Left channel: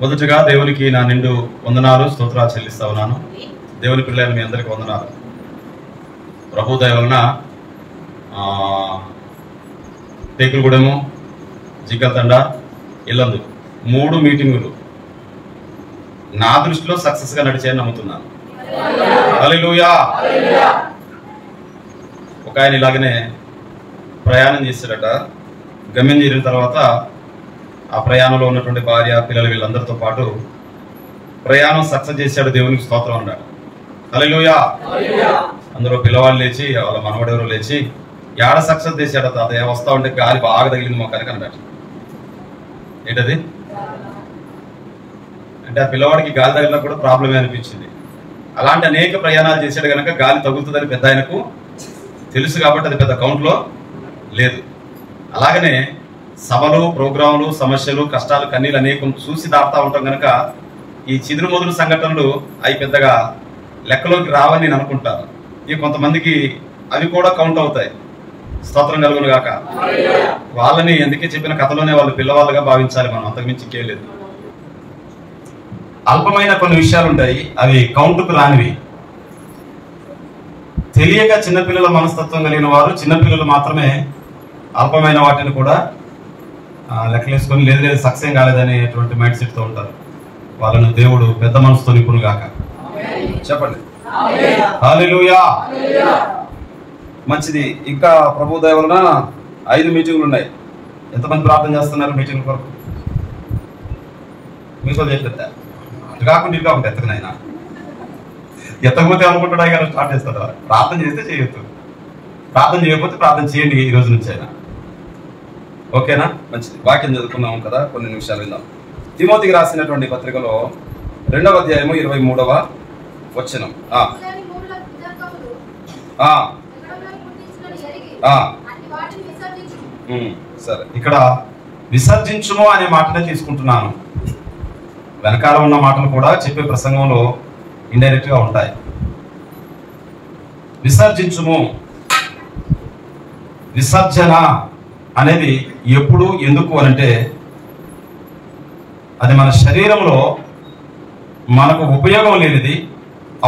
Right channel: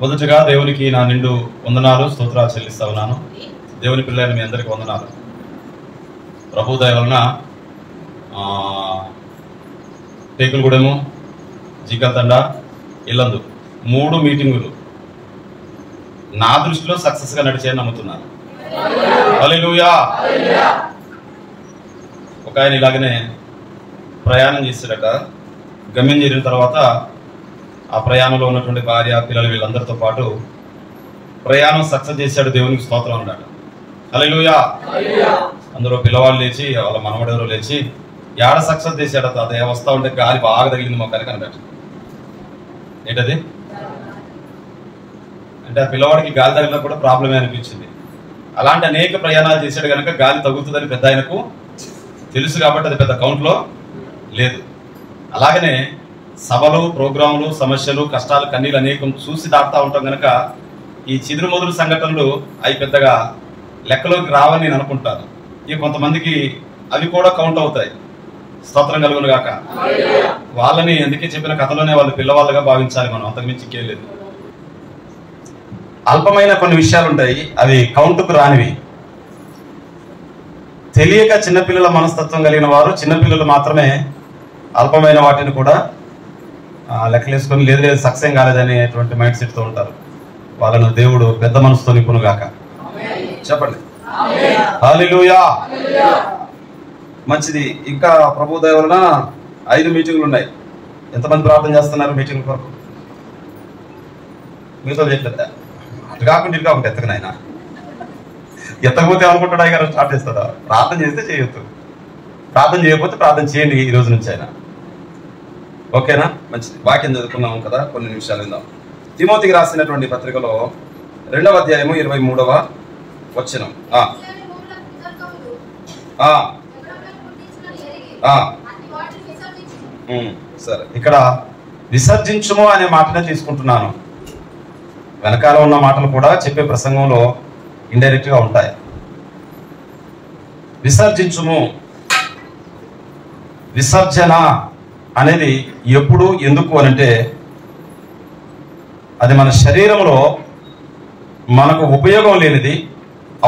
మొదటగా దేవునికి నా నిండు వందనాలు స్తోత్రాలు చెల్లిస్తా ఉన్నాను. దేవుని పిల్లలు మీ అందరికీ వందనాలు. ప్రభు దయ వలన టేకులగూడెము, జిగ్గతండ, ఇల్లందు 3 మీటింగులు నా దృష్టిలో సక్సెస్ గా నడిచాయని నమ్ముతున్నాను. హల్లెలూయా. ఒక ఆయన ఇలాగనే ప్రయాణం చేశాడట. గమ్యం చేరిన తర్వాత ఆ ప్రయాణంలో ఉన్నటువంటి భార్య, పిల్లలు వీళ్ళందరితో పాటు ప్రయాణం సక్సెస్ చేశాడు, దేవునికి స్తోత్రం అన్నాడు. హల్లెలూయా. అందరూ పిల్లవాళ్ళు లేచి, వాళ్ళ మనవడెవరో లేచి, ఏడ సక్సెస్ చేశాడు తాత, వస్తా ఉంటే గాలి బాగా తగిలింది మొక్కనికి అన్నాడు. ఏంటది అంటే ఆ పిల్లవాడికి గాలి తగిలినా కూడా ప్రాబ్లమే అనిపించింది. అలాంటి అనేక ప్రయాణాలు చేశాడు కనుక గాలి తగులుతుందని పెద్ద ఆయనకు తెలుసు కాబట్టి అది పెద్ద కౌంట్లో లేదు. అలాగనే సభలు, ప్రోగ్రాములు, సమస్యలు, కష్టాలు, కన్నీళ్ళు అనేకం చూసి దాటుతూ ఉంటాం కనుక ఈ చిదురు మొదలు సంఘటనలు అవి పెద్దగా లెక్కలోకి రావని నేను అనుకుంటాను. ఇక కొంతమందికి అవి కూడా కౌంట్ అవుతాయి. స్తోత్రం కలుగును గాక. వాళ్ళని ఎందుకే చెప్పిన కథలోనే వాళ్ళు పిల్లవాళ్ళుగా భావించాలి మనం, అంతకుమించి ఇంకేం లేదు. అల్పమైన కొన్ని విషయాలు ఉంటాయి, అవి కౌంటుకు రానివి. తెలియక చిన్నపిల్లల మనస్తత్వం కలిగిన వారు, చిన్నపిల్లలు మాత్రమే అల్పమైన వాటిని కూడా లెక్కలేసుకొని లేదు లేదు సక్సెస్ కాలేదనేటువంటి మైండ్ సెట్ తో ఉంటారు. వాళ్ళను దేవుడు పెద్ద మనసుతో నింపును గాక. చెప్పండి హల్లెలూయా. మంచిది. ఇంకా ప్రభు దయ వలన 5 మీటింగులు ఉన్నాయి. ఎంతమంది ప్రార్థన చేస్తున్నారు మీటింగ్ కొరకు? మీతో చెప్పేద్దా? అటు కాకుండా ఇటు కాకుండా ఎత్తకనైనా ఎత్తకపోతే అనుకుంటాడా గారు స్టార్ట్ చేస్తాడా? ప్రార్థన చేస్తే చేయొద్దు, ప్రార్థన చేయకపోతే ప్రార్థన చేయండి ఈ రోజు నుంచి అయినా. ఓకేనా? మంచిది. వాక్యం చదువుకున్నాం కదా, కొన్ని నిమిషాలు విందాం. తిమోతికి రాసినటువంటి పత్రికలో 2వ అధ్యాయము 23వ వచనం. సరే, ఇక్కడ విసర్జించుము అనే మాటనే తీసుకుంటున్నాను. వెనకాల ఉన్న మాటలు కూడా చెప్పే ప్రసంగంలో ఇండైరెక్ట్ గా ఉంటాయి. విసర్జించుము, విసర్జన అనేది ఎప్పుడు, ఎందుకు అనంటే అది మన శరీరంలో మనకు ఉపయోగం లేనిది,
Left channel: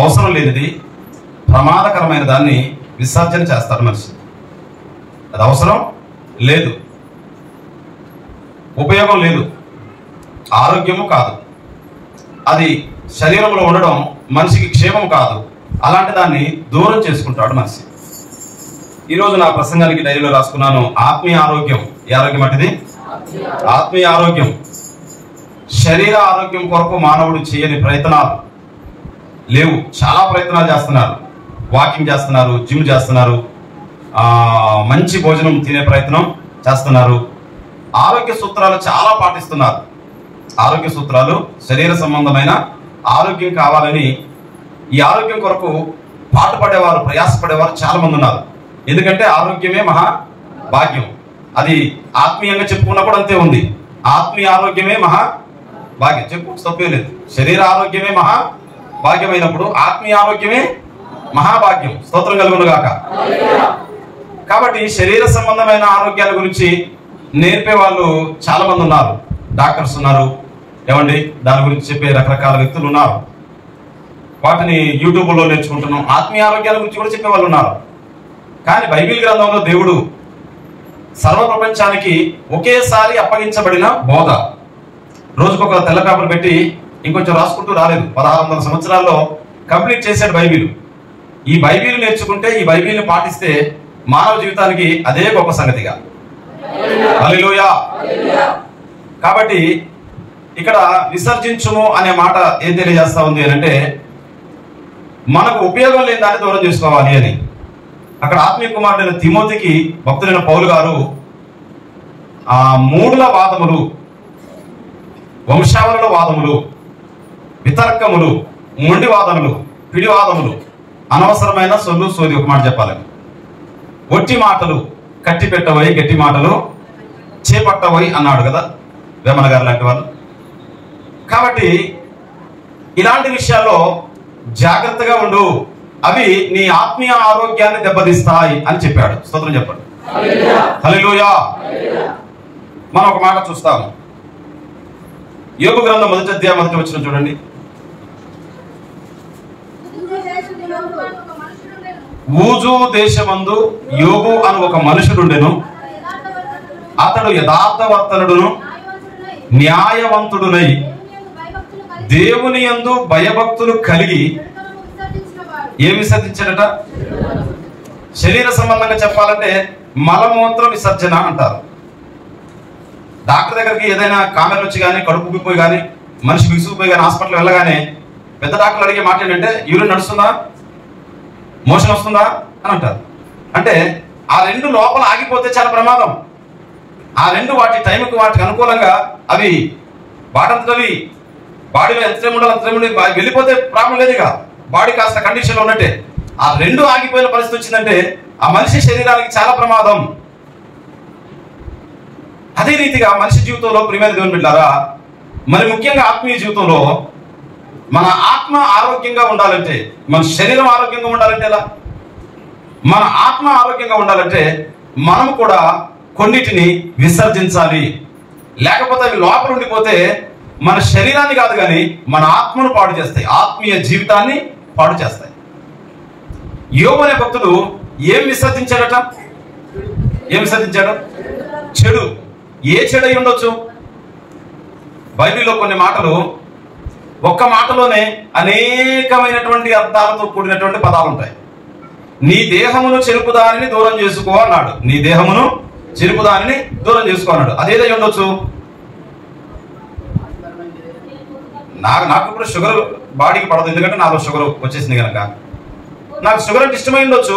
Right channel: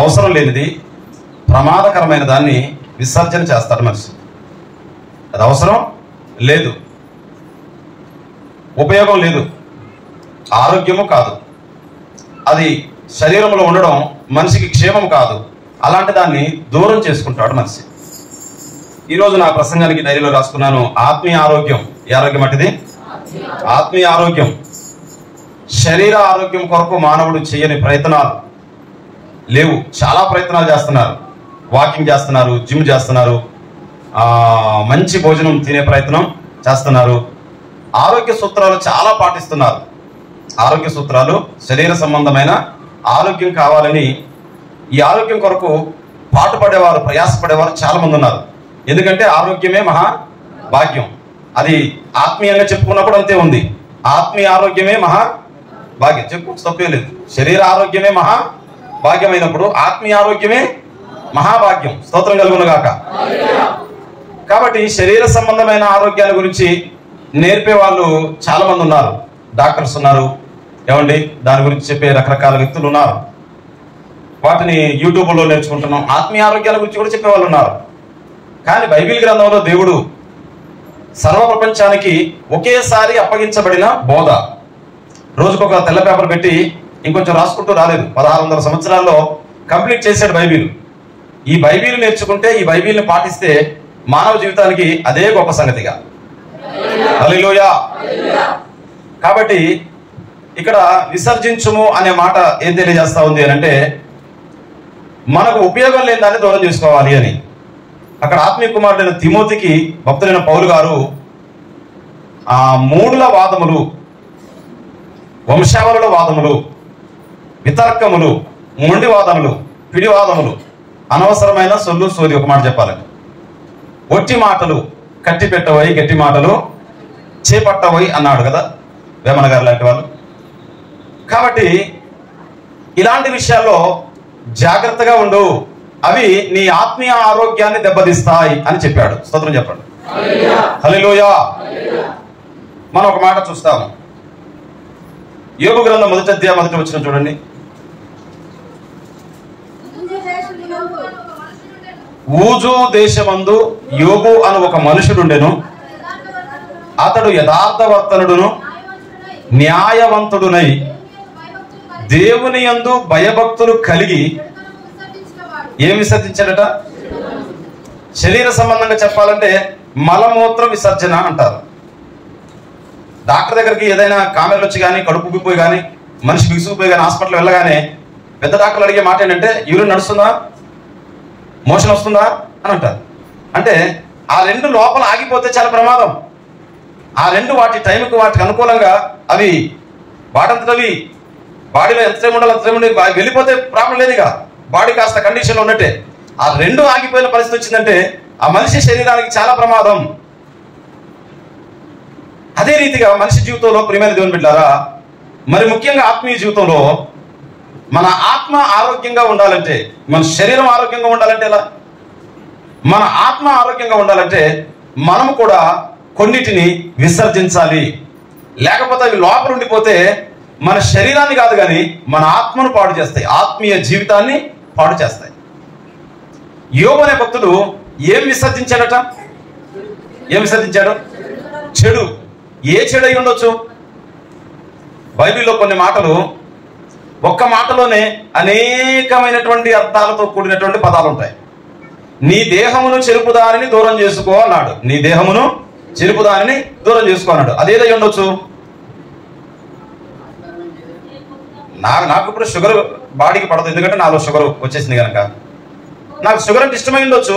అవసరం లేనిది, ప్రమాదకరమైన దాన్ని విసర్జన చేస్తాడు మనిషి. అది అవసరం లేదు, ఉపయోగం లేదు, ఆరోగ్యము కాదు, అది శరీరంలో ఉండడం మనిషికి క్షేమం కాదు. అలాంటి దాన్ని దూరం చేసుకుంటాడు మనిషి. ఈరోజు నా ప్రసంగానికి డైరీలో రాసుకున్నాను, ఆత్మీయ ఆరోగ్యం. ఏ ఆరోగ్యం అటుది? ఆత్మీయ ఆరోగ్యం. శరీర ఆరోగ్యం కొరకు మానవుడు చేయని ప్రయత్నాలు లేవు. చాలా ప్రయత్నాలు చేస్తున్నారు. వాకింగ్ చేస్తున్నారు, జిమ్ చేస్తున్నారు, మంచి భోజనం తినే ప్రయత్నం చేస్తున్నారు, ఆరోగ్య సూత్రాలు చాలా పాటిస్తున్నారు. ఆరోగ్య సూత్రాలు, శరీర సంబంధమైన ఆరోగ్యం కావాలని ఈ ఆరోగ్యం కొరకు పాటుపడేవారు, ప్రయాసపడేవారు చాలా మంది ఉన్నారు. ఎందుకంటే ఆరోగ్యమే మహా భాగ్యం. అది ఆత్మీయంగా చెప్పుకున్నప్పుడు అంతే ఉంది. ఆత్మీయ ఆరోగ్యమే మహా భాగ్యం, చెప్పు తప్పే లేదు. శరీర ఆరోగ్యమే మహా భాగ్యమైనప్పుడు ఆత్మీయ ఆరోగ్యమే మహాభాగ్యం. స్తోత్రం కలుగును గాక. కాబట్టి శరీర సంబంధమైన ఆరోగ్యాల గురించి నేర్పే వాళ్ళు చాలా మంది ఉన్నారు. డాక్టర్స్ ఉన్నారు, ఏమండి, దాని గురించి చెప్పే రకరకాల వ్యక్తులు ఉన్నారు. వాటిని యూట్యూబ్లో నేర్చుకుంటున్నాం. ఆత్మీయ ఆరోగ్యాల గురించి కూడా చెప్పే వాళ్ళు ఉన్నారు. కానీ బైబిల్ గ్రంథంలో దేవుడు సర్వ ప్రపంచానికి ఒకేసారి అప్పగించబడిన బోధ. రోజుకొక తెల్ల పేపర్ పెట్టి ఇంకొంచెం రాసుకుంటూ రాలేదు. 1600 సంవత్సరాల్లో కంప్లీట్ చేశాడు బైబిల్. ఈ బైబిల్ నేర్చుకుంటే, ఈ బైబిల్ని పాటిస్తే మానవ జీవితానికి అదే గొప్ప సంగతిగా. హల్లెలూయా. కాబట్టి ఇక్కడ విసర్జించుము అనే మాట ఏం తెలియజేస్తా ఉంది అని అంటే, మనకు ఉపయోగం లేని దాన్ని దూరం చేసుకోవాలి అని. అక్కడ ఆత్మీయ కుమారుడైన తిమోతికి భక్తులైన పౌలు గారు ఆ మూడుల వాదములు, వంశావళుల వాదములు, వితర్కములు, మొండి వాదములు, పిడివాదములు, అనవసరమైన సొల్లు సోది, ఒక మాట చెప్పాలని, ఒట్టి మాటలు, కట్టి పెట్టబోయి గట్టి మాటలు చేపట్టబోయి అన్నాడు కదా వేమన గారు లాంటి వాళ్ళు. కాబట్టి ఇలాంటి విషయాల్లో జాగ్రత్తగా ఉండు, అవి నీ ఆత్మీయ ఆరోగ్యాన్ని దెబ్బతీస్తాయి అని చెప్పాడు. స్తోత్రం చెప్పండి. హల్లెలూయా. మనం ఒక మాట చూస్తాము. యోబు గ్రంథం 1వ అధ్యాయం 1వ వచనం చూడండి. ఊజు దేశమందు యోబు అను ఒక మనుషుడుండెను. అతడు యథార్థవర్తనుడును న్యాయవంతుడునై దేవుని యందు భయభక్తులు కలిగి ఏమి విసర్జించాడట? శరీర సంబంధంగా చెప్పాలంటే మలమూత్ర విసర్జన అంటారు. డాక్టర్ దగ్గరికి ఏదైనా కామెర్లు వచ్చి కానీ కడుపు ఉబ్బిపోయి కానీ మనిషి బిగుసుకుపోయి కానీ హాస్పిటల్ వెళ్ళగానే పెద్ద డాక్టర్లు అడిగే మాట ఏంటంటే యూరిన్ నడుస్తుందా, మోషన్ వస్తుందా అని అంటారు. అంటే ఆ రెండు లోపల ఆగిపోతే చాలా ప్రమాదం. ఆ రెండు వాటి టైంకి వాటికి అనుకూలంగా అవి వాటంతటవి బాడీలో ఎంతసేపు ఉండాలి అంతసేపు ఉండి వెళ్ళిపోతే ప్రాబ్లం లేదు. ఇక బాడీ కాస్త కండిషన్లో ఉన్నట్టే. ఆ రెండు ఆగిపోయిన పరిస్థితి వచ్చిందంటే ఆ మనిషి శరీరానికి చాలా ప్రమాదం. అదే రీతిగా మనిషి జీవితంలో ప్రియమైన దేవుని బిడ్డలారా, మరి ముఖ్యంగా ఆత్మీయ జీవితంలో మన ఆత్మ ఆరోగ్యంగా ఉండాలంటే, మన శరీరం ఆరోగ్యంగా ఉండాలంటే ఎలా? మన ఆత్మ ఆరోగ్యంగా ఉండాలంటే మనము కూడా కొన్నిటిని విసర్జించాలి. లేకపోతే అవి లోపల ఉండిపోతే మన శరీరాన్ని కాదు కానీ మన ఆత్మను పాడు చేస్తాయి, ఆత్మీయ జీవితాన్ని పాడు చేస్తాయి. యోబు అనే భక్తుడు ఏం విసర్జించాడట? ఏం విసర్జించాడు? చెడు. ఏ చెడు అయి ఉండొచ్చు? బైబిల్లో కొన్ని మాటలు ఒక్క మాటలోనే అనేకమైనటువంటి అర్థాలతో కూడినటువంటి పదాలు ఉంటాయి. నీ దేహమును చెరుపుదానిని దూరం చేసుకో అన్నాడు. నీ దేహమును చెరుపుదానిని దూరం చేసుకో అన్నాడు. అదేదై ఉండొచ్చు? నాకు ఇప్పుడు షుగర్ బాడీకి పడదు, ఎందుకంటే నాలో షుగర్ వచ్చేసింది కనుక. నాకు షుగర్ అంటే ఇష్టమై ఉండొచ్చు,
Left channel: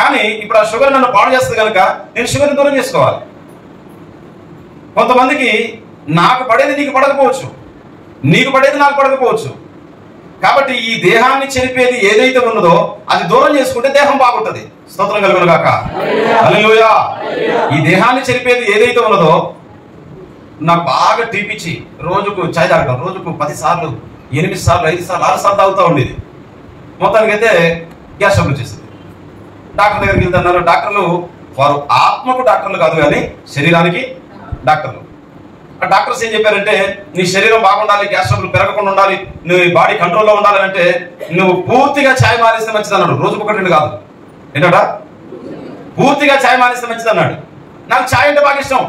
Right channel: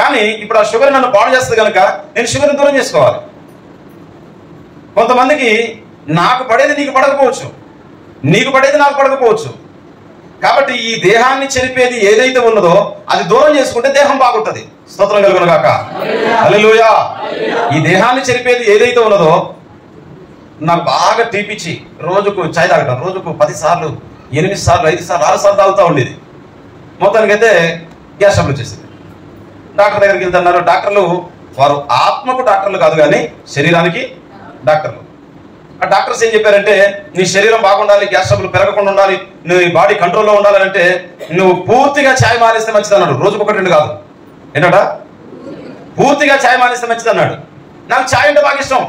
కానీ ఇప్పుడు ఆ షుగర్ నన్ను పాడు చేస్తుంది కనుక నేను షుగర్ని దూరం చేసుకోవాలి. కొంతమందికి నాకు పడేది నీకు పడకపోవచ్చు, నీకు పడేది నాకు పడకపోవచ్చు. కాబట్టి ఈ దేహాన్ని చెరిపేది ఏదైతే ఉన్నదో అది దూరం చేసుకుంటే దేహం బాగుంటుంది. స్తోత్రం కలుగును గాక. హల్లెలూయా. ఈ దేహాన్ని చెరిపేది ఏదైతే ఉన్నదో, నాకు బాగా టీపిచ్చి రోజుకు చాయ్ తాగటం, రోజుకు 10 సార్లు 8 సార్లు 5 సార్లు 6 సార్లు తాగుతూ ఉండేది. మొత్తానికైతే గ్యాస్ ట్రబుల్ వచ్చేసింది. డాక్టర్ దగ్గరికి వెళ్తున్నారు. డాక్టర్లు వారు ఆత్మకు డాక్టర్లు కాదు కానీ శరీరానికి డాక్టర్లు. ఆ డాక్టర్స్ ఏం చెప్పారంటే నీ శరీరం బాగుండాలి, గ్యాస్ ట్రబుల్ పెరగకుండా ఉండాలి, నీ బాడీ కంట్రోల్లో ఉండాలంటే నువ్వు పూర్తిగా ఛాయ్ మానేస్తే మంచిది అన్నాడు. రోజుకు 1-2 కాదు. ఏంటట? పూర్తిగా ఛాయ్ మానేస్తే మంచిది అన్నాడు. నాకు ఛాయ్ అంటే బాగా ఇష్టం.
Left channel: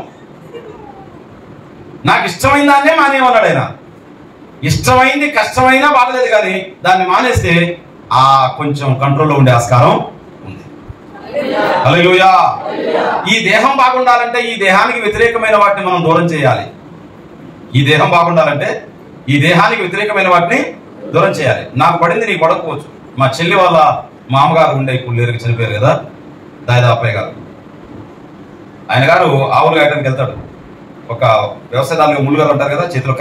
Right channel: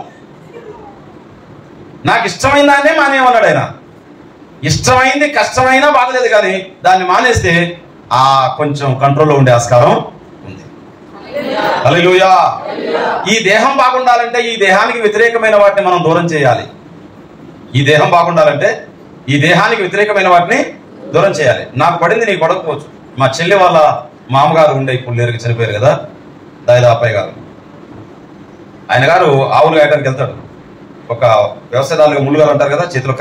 నాకు ఇష్టమైన దాన్నే మానేయమన్నాడు ఆయన. ఇష్టమైంది కష్టమైనా బాగలేదు కానీ దాన్ని మానేస్తే ఆ కొంచెం కంట్రోల్లో ఉండే ఆస్కారం ఉంది. హల్లెలూయా. ఈ దేహం బాగుండాలంటే ఈ దేహానికి వ్యతిరేకమైన వాటిని మనం దూరం చేయాలి. ఈ దేహం బాగుండాలంటే ఈ దేహానికి వ్యతిరేకమైన వాటిని దూరం చేయాలి. నాకు పడింది నీకు పడకపోవచ్చు. మా చెల్లి వాళ్ళ మామగారు ఉండే ఇప్పుడు లేరుగా చనిపోయారు కదా, దాదాపయ్య గారు. ఆయన గారు ఆవులు కాయడానికి వెళ్తాడు. ఒక వ్యవసాయదారులుగా ముళ్ళుగారు అంటారు కదా, చేతిలో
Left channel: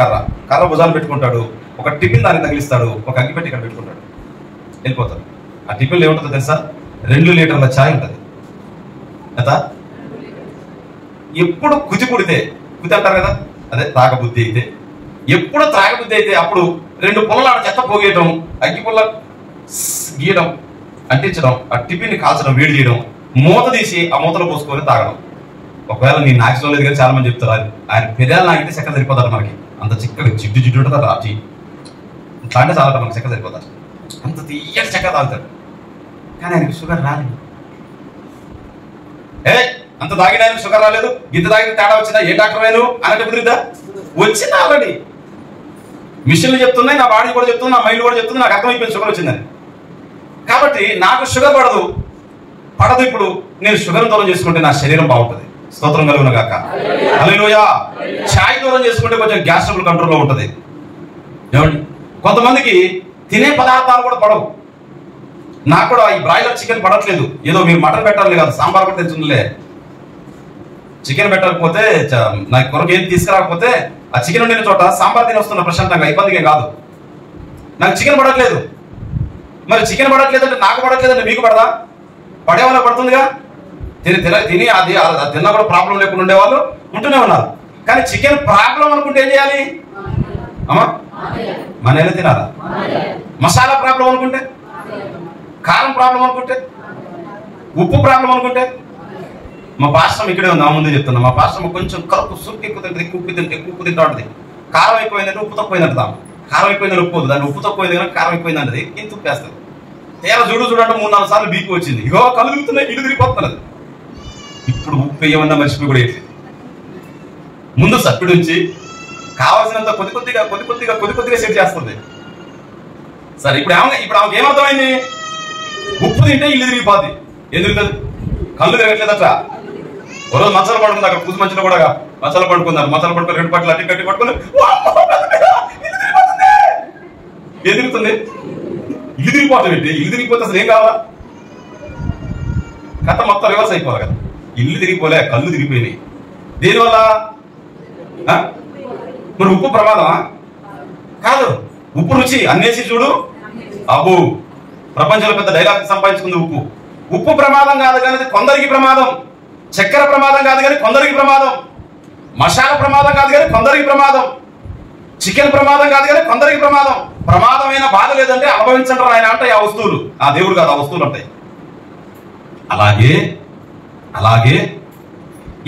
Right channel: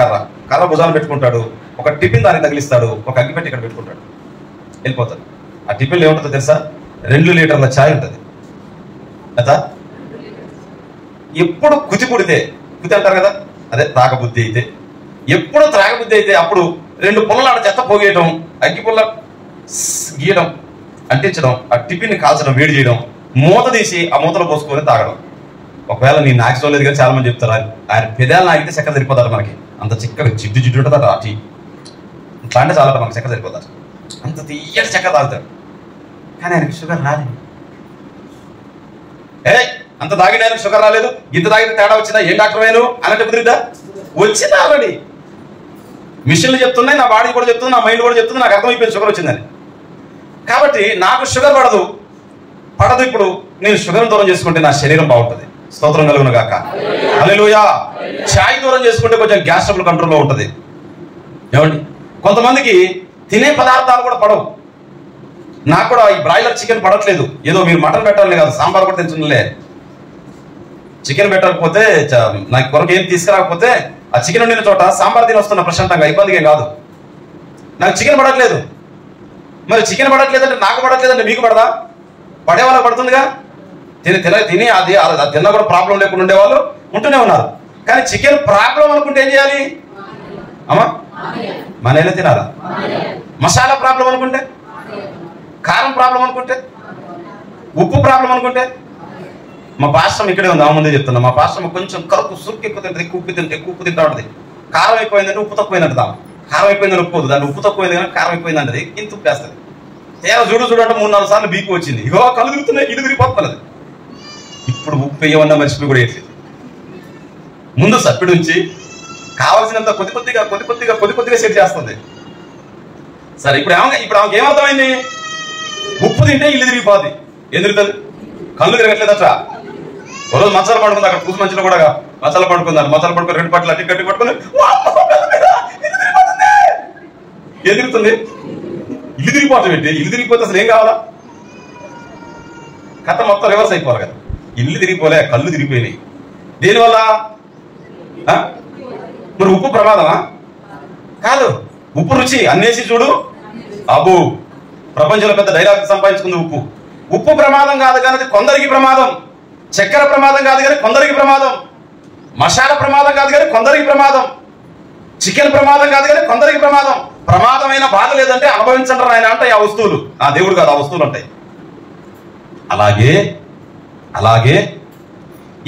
కర్ర భుజాలు పెట్టుకుంటాడు. ఒక టిఫిన్ దానికి తగిలిస్తాడు, ఒక అగ్గి పెట్టి ఇక్కడ పెట్టుకుంటాడు, వెళ్ళిపోతాడు. ఆ టిఫిన్లో ఏముంటుందో తెలుసా? 2 లీటర్ల ఛాయ్ ఉంటుంది. కదా, ఎప్పుడు కుతి అంటారు కదా, అదే త్రాగబుద్ధి అయితే, ఎప్పుడు త్రాగబుద్ధి అయితే అప్పుడు 2 పుల్లలాడ చెత్త పోగేయడం, అగ్గి పుల్ల గీయడం, అంటించడం, ఆ టిఫిన్ని కాల్చడం, వేడి చేయడం, మూత తీసి ఆ మూతలో పోసుకొని తాగడం. ఒకవేళ నీ నాకిష్టం లేదు కానీ చాలా మంది చెప్తారు ఆయన పెదాలు నాకితే చెక్క సరిపోతారు. మనకి అంత చిక్కగా జిడ్డు ఉంటుంది ఆ టీ. ఇట్లా అంటే చాలా మనకి చెక్క సరిపోతారు. అంత తీయటి చెక్క తాగుతాడు. కానీ ఆయనకి షుగర్ రాలేదు. అంత తాగిన ఆయనకు షుగర్ రాలేదు. ఇంత తాగిన తేడా వచ్చిందా? ఏ డాక్టర్ అయినా అన్నట్టు కుదిరిద్దా? వచ్చింది ఆల్రెడీ. మిషన్లు చెప్తున్నాయి, నా బాడీ కూడా చెప్తుంది, నా మైండ్ కూడా చెప్తుంది, నాకు అర్థమైపోయింది షుగర్ వచ్చిందని. కాబట్టి నాకు షుగర్ పడదు. ఇప్పుడు నేను షుగర్ దూరం చేసుకుంటే నా శరీరం బాగుంటుంది. స్తోత్రం కలుగును గాక. హల్లెలూయా. ఛాయ్ దూరం చేసుకుంటే కొంచెం గ్యాస్ ట్రబుల్ కంట్రోల్లో ఉంటుంది. ఏమండి, కొంతమందికి తినే పదార్థాలు కూడా పడవు. నాకు కూడా ఈ బ్రాయిలర్ చికెన్ పడట్లేదు. ఏదో మీరు మటన్ పెట్టాలని కాదు, సాంబార్ కూడా తెచ్చులే. చికెన్ పెట్టకపోతే నాకు కొరకు ఏం తీసుకురాకపోతే ఆ చికెన్ వండిన చోట సాంబార్ తిని వస్తున్నా ప్రశాంతంగా, ఇబ్బందిగా కాదు. నాకు చికెన్ పడట్లేదు. మరి చికెన్ పడట్లేదంటే నాకు పడట్లేదంటే మీకు పడదా? పడేవాళ్ళకి పడుతుందిగా. తిని అది తిన్నా కూడా ప్రాబ్లం లేకుండా ఉండేవాళ్ళు ఉంటూనే ఉన్నారు. కానీ చికెన్ ప్రాబ్లం అనుకుంటే ఏం చేయాలి? అమ్మా, మనల్ని తినాలా? మసాలా ప్రాబ్లం అనుకుంటే, కారం ప్రాబ్లం అనుకుంటే, ఉప్పు ప్రాబ్లం అనుకుంటే. మా పాస్టర్ ఇక్కడే ఉంది, ఆ ముందే చెప్తున్నా. మా పాస్టర్ కొంచెం కలుపు సురుకు ఎక్కువ తింటే, ఎక్కువ ఉప్పు తింటా ఉంటుంది. కారం ఎక్కువైందంటే ఉప్పు తక్కువైందంట దాం. కారం ఎక్కువైందని ఉప్పుకోదు, దాన్ని ఉప్పు తక్కువైంది కానీ కారం ఎక్కువైందంటది ఇంత ఉప్పేస్తుంది. తీరా చూడంటే 3-4 సార్లు బీపీ వచ్చింది. ఇగో కళ్ళు తిరుగుతున్నాయి, ఇల్లు తిరిగిపోతున్నది. ఇప్పుడు ఉప్పు వేయమన్నా మర్చిపోయి కూడా వేయట్లేదు. ముందు సప్పిడి ఉంచి కావాల్సినంత కొద్ది కొద్దిగా సెట్ చేస్తుంది. సరే ఇప్పుడు ఆమెకి ఏమర్థమైంది? ఉప్పు తింటే ఇల్లు తిరిగిపోద్ది. ఎందుకు కళ్ళు తిరగట్లేదట. ఓ రోజు మచ్చలు పడుకుంది, అక్కడ పూసి మంచిలో కూడా మచ్చలు పడుకుందాం. మచ్చలు పడుకుని 2 పట్లు అట్టి కట్టి పట్టుకుని ఎదురుతుంది. ఇల్లు తిరిగిపోతాం ఏంటి? ఇల్లు తిరిగిపోతే అసలు ఏం కావాలా? కథ మొత్తం రివర్స్ అయిపోవాలి కదా. ఇల్లు తిరిగిపోలే, కళ్ళు తిరిగిపోయినాయి. దేనివల్ల? మరి ఉప్పు ప్రమాదమా? కాదు, ఉప్పు రుచి అన్నేసి చూడు అబ్బు. ప్రపంచంలో పెద్ద డైలాగ్ సంపాదించుకుంది ఉప్పు. ఉప్పు ప్రమాదం కాదు కానీ అది కొందరికి ప్రమాదం. చక్కెర ప్రమాదం కాదు కానీ కొందరికి ప్రమాదం. మసాలా ప్రమాదం కాదు కానీ కొందరికి ప్రమాదం. చికెన్ ప్రమాదం కాదు కానీ కొందరికి ప్రమాదం. ప్రమాదమైన బాధ లేదంటే అనుభవించండి ఆయన అంటే ఆ వస్తువులు, ఆ దేవుడు కాదు, ఆ వస్తువులు ఉంటాయి. అలాగే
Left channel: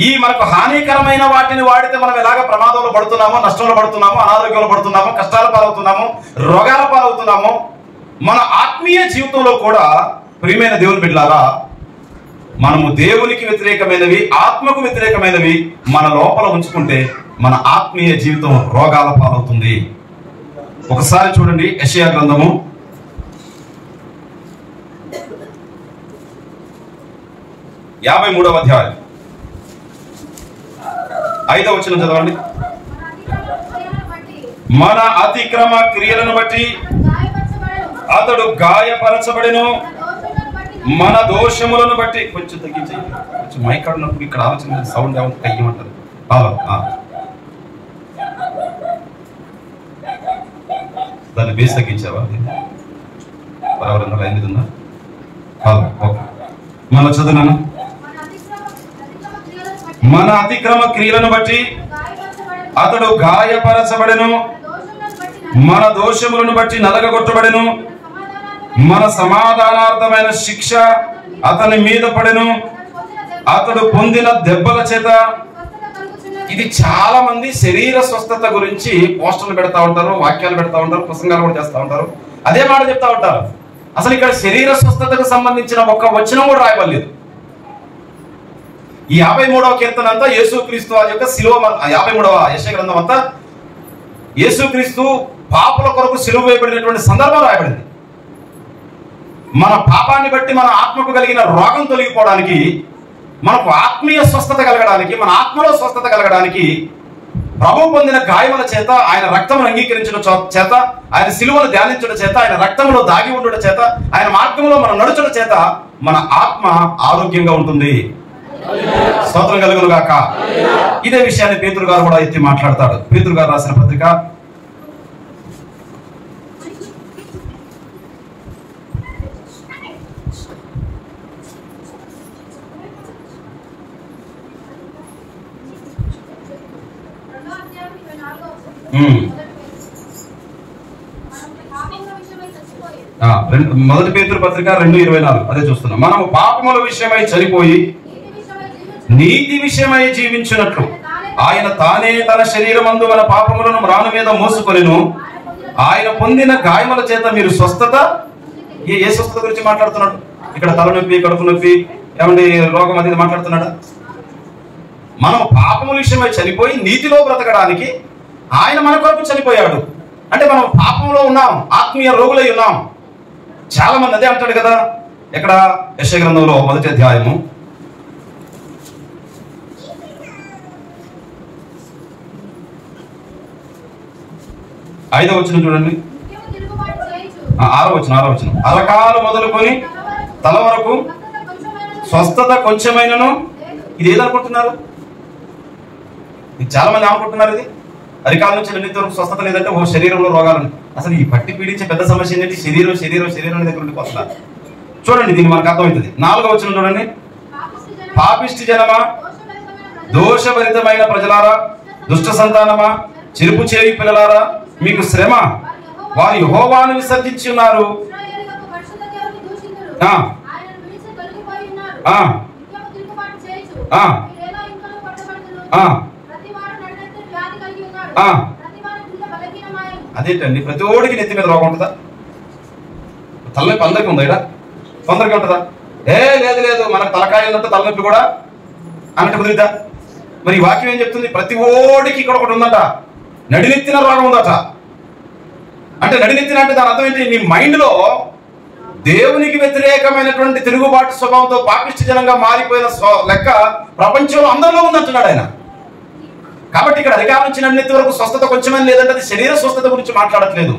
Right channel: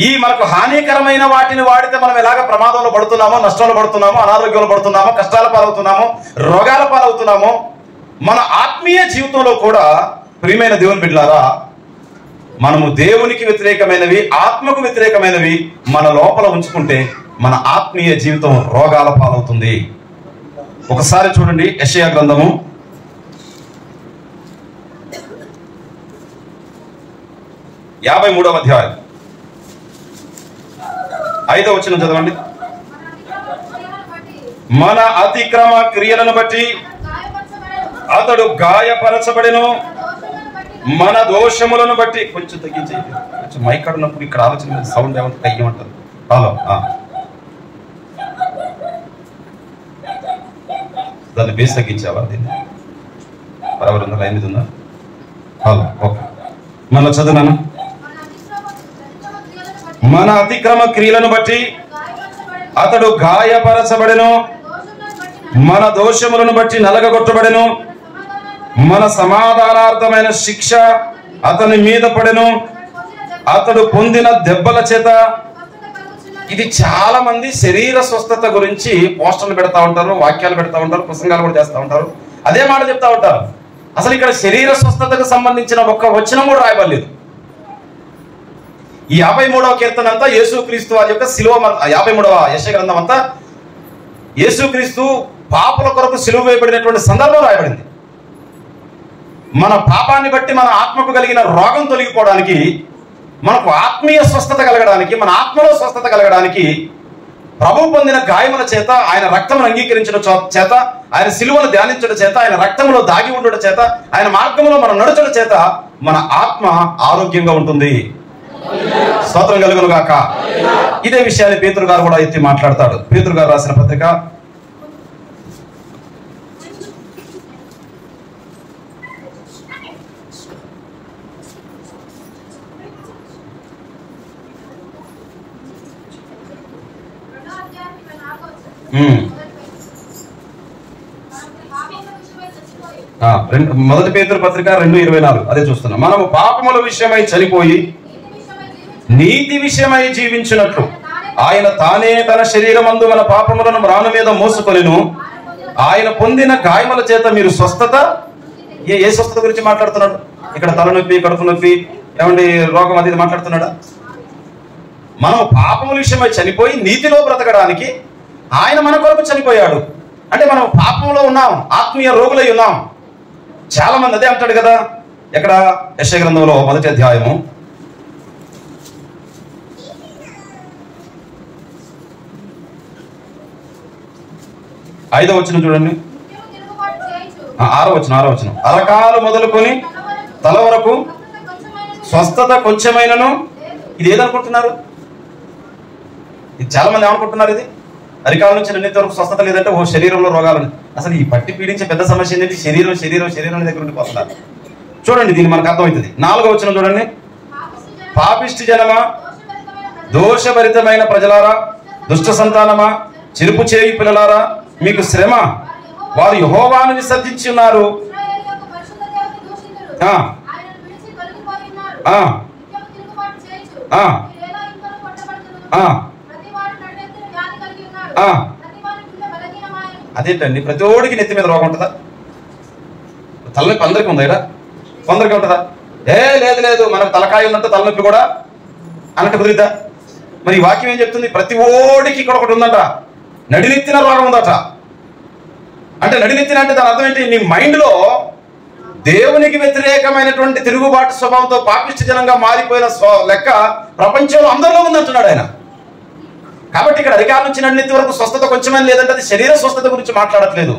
ఈ మనకు హానికరమైన వాటిని వాడితే మనం ఎలాగ ప్రమాదంలో పడుతున్నామో, నష్టంలో పడుతున్నామో, అనారోగ్యంలో పడుతున్నామో, కష్టాల పాలవుతున్నామో, రోగాల పాలవుతున్నామో, మన ఆత్మీయ జీవితంలో కూడా ప్రియమైన దేవుని బిడ్డలారా, మనము దేవునికి వ్యతిరేకమైనవి, ఆత్మకు వ్యతిరేకమైనవి మన లోపల ఉంచుకుంటే మన ఆత్మీయ జీవితం రోగాల పాలవుతుంది. ఒకసారి చూడండి యెషయా గ్రంథము 53వ అధ్యాయం 5వ వచనం చదవండి. మన అతిక్రమ క్రియలను బట్టి అతడు గాయపరచబడెను, మన దోషములను బట్టి. కొంచెం తగ్గించేయండి, కొంచెం మైక్ ఉన్నప్పుడు ఇక్కడ ఆలోచన సౌండ్ ఏమంటే కయ్యమంటారు. దాన్ని బేస్ తగ్గించావా? దీన్ని బరాబర్ ఉందా? లైన్ మీద ఉందా? ఓకే, మళ్ళీ చదువునాను. మన అతిక్రమ క్రియలను బట్టి అతడు గాయపరచబడెను, మన దోషములను బట్టి నలగగొట్టబడెను, మన సమాధానార్థమైన శిక్ష అతని మీద పడెను, అతడు పొందిన దెబ్బల చేత. ఇది చాలా మంది శరీర స్వస్థత గురించి పోస్టర్లు పెడతా ఉంటారు, వాక్యాలు పెడతా ఉంటారు, ప్రసంగాలు కూడా చేస్తూ ఉంటారు, అదే మాట చెప్తా ఉంటారు. అసలు ఇక్కడ శరీర స్వస్థతకు సంబంధించిన ఒక్క వచనం కూడా రాయబడలేదు. ఈ 53వ కీర్తన అంతా యేసుక్రీస్తు వారి యొక్క శిలువ. 53వ యెషయా గ్రంథం అంతా యేసుక్రీస్తు పాపుల కొరకు సిలువ వేయబడినటువంటి సందర్భం రాయబడింది. మన పాపాన్ని బట్టి మన ఆత్మకు కలిగిన రోగం తొలగిపోవడానికి, మనకు ఆత్మీయ స్వస్థత కలగడానికి, మన ఆత్మలో స్వస్థత కలగడానికి ప్రభు పొందిన గాయముల చేత, ఆయన రక్తమును అంగీకరించడం చేత, ఆయన సిలువను ధ్యానించడం చేత, ఆయన రక్తంలో దాగి ఉండడం చేత, ఆయన మార్గంలో మనం నడుచడం చేత మన ఆత్మ ఆరోగ్యంగా ఉంటుంది. స్తోత్రం కలుగును గాక. ఇదే విషయాన్ని పేతురు గారు కూడా ఎత్తి మాట్లాడతాడు. పేతురు గారు రాసిన పత్రిక 1 పేతురు పత్రిక 2:24 అదే చూస్తున్నాం. మనము పాపముల విషయమై చనిపోయి నీతి విషయమై జీవించినట్లు ఆయన తానే తన శరీరమందు మన పాపములను మ్రాను మీద మోసుకొనెను, ఆయన పొందిన గాయముల చేత మీరు స్వస్థత. ఏ స్వస్థత గురించి మాట్లాడుతున్నాడు ఇక్కడ? తలనొప్పి, కడుపు నొప్పి, ఏమండి రోగం అది మాట్లాడుతున్నాడా? మనం పాపముల విషయమై చనిపోయి నీతిలో బ్రతకడానికి ఆయన మన కొరకు చనిపోయాడు. అంటే మనం పాపంలో ఉన్నాం, ఆత్మీయ రోగులై ఉన్నాం. చాలా మంది అదే అంటాడు కదా. ఎక్కడ? యెషయా గ్రంథంలో 1వ అధ్యాయము 5వ వచనం చూడండి. 6వ వచనం. అలకాలు మొదలుకొని తల వరకు స్వస్థత కొంచెమైనను. ఇది ఏదనుకుంటున్నారు? ఇది చాలా మంది ఏమనుకుంటున్నారు? ఇది అరికాల నుంచి నిన్నటి వరకు స్వస్థత లేదంటే ఓ శరీరంలో రోగాలని. అసలు ఈ పట్టి పీడించే పెద్ద సమస్య ఏంటంటే శరీరం దగ్గర ఉండి వస్తున్నారు. చూడండి, దీన్ని మనకు అర్థమవుతుంది. 4వ వచనం చూడండి. పాపిష్టి జనమా, దోషభరితమైన ప్రజలారా, దుష్ట సంతానమా, చెరుపు చేయి పిల్లలారా, మీకు శ్రమ. వారు యెహోవాను విసర్జించి ఉన్నారు. అదేంటండి ప్రతి ఓడికి నెత్తి మీద రోగం ఉంటుందా? తలనొప్పి అందరికీ ఉందా? ఇక్కడ కొందరికి ఉంటుందా? లేదు లేదు, మనకు తలకాయ ఉన్నట్టు తలనొప్పి కూడా అన్నట్టు కుదిరిద్దా? మరి ఈ వాక్యం ఏం చెప్తుంది? ప్రతి ఓడికి ఇక్కడ ఒకటి ఉందట, నడినెత్తిన రోగం ఉందట. అంటే నడినెత్తిన అంటే దాని అర్థం ఏంటి? నీ మైండ్లో దేవునికి వ్యతిరేకమైనటువంటి తిరుగుబాటు స్వభావంతో పాపిష్టి జనంగా మారిపోయిన లెక్క ప్రపంచంలో అందరిలో ఉందంటున్నాడు ఆయన. కాబట్టి ఇక్కడ అధికారం నుంచి నడినెత్తి వరకు స్వస్థత కొంచెమని లేదంటే అది శరీర స్వస్థత గురించి మాట్లాడట్లేదు.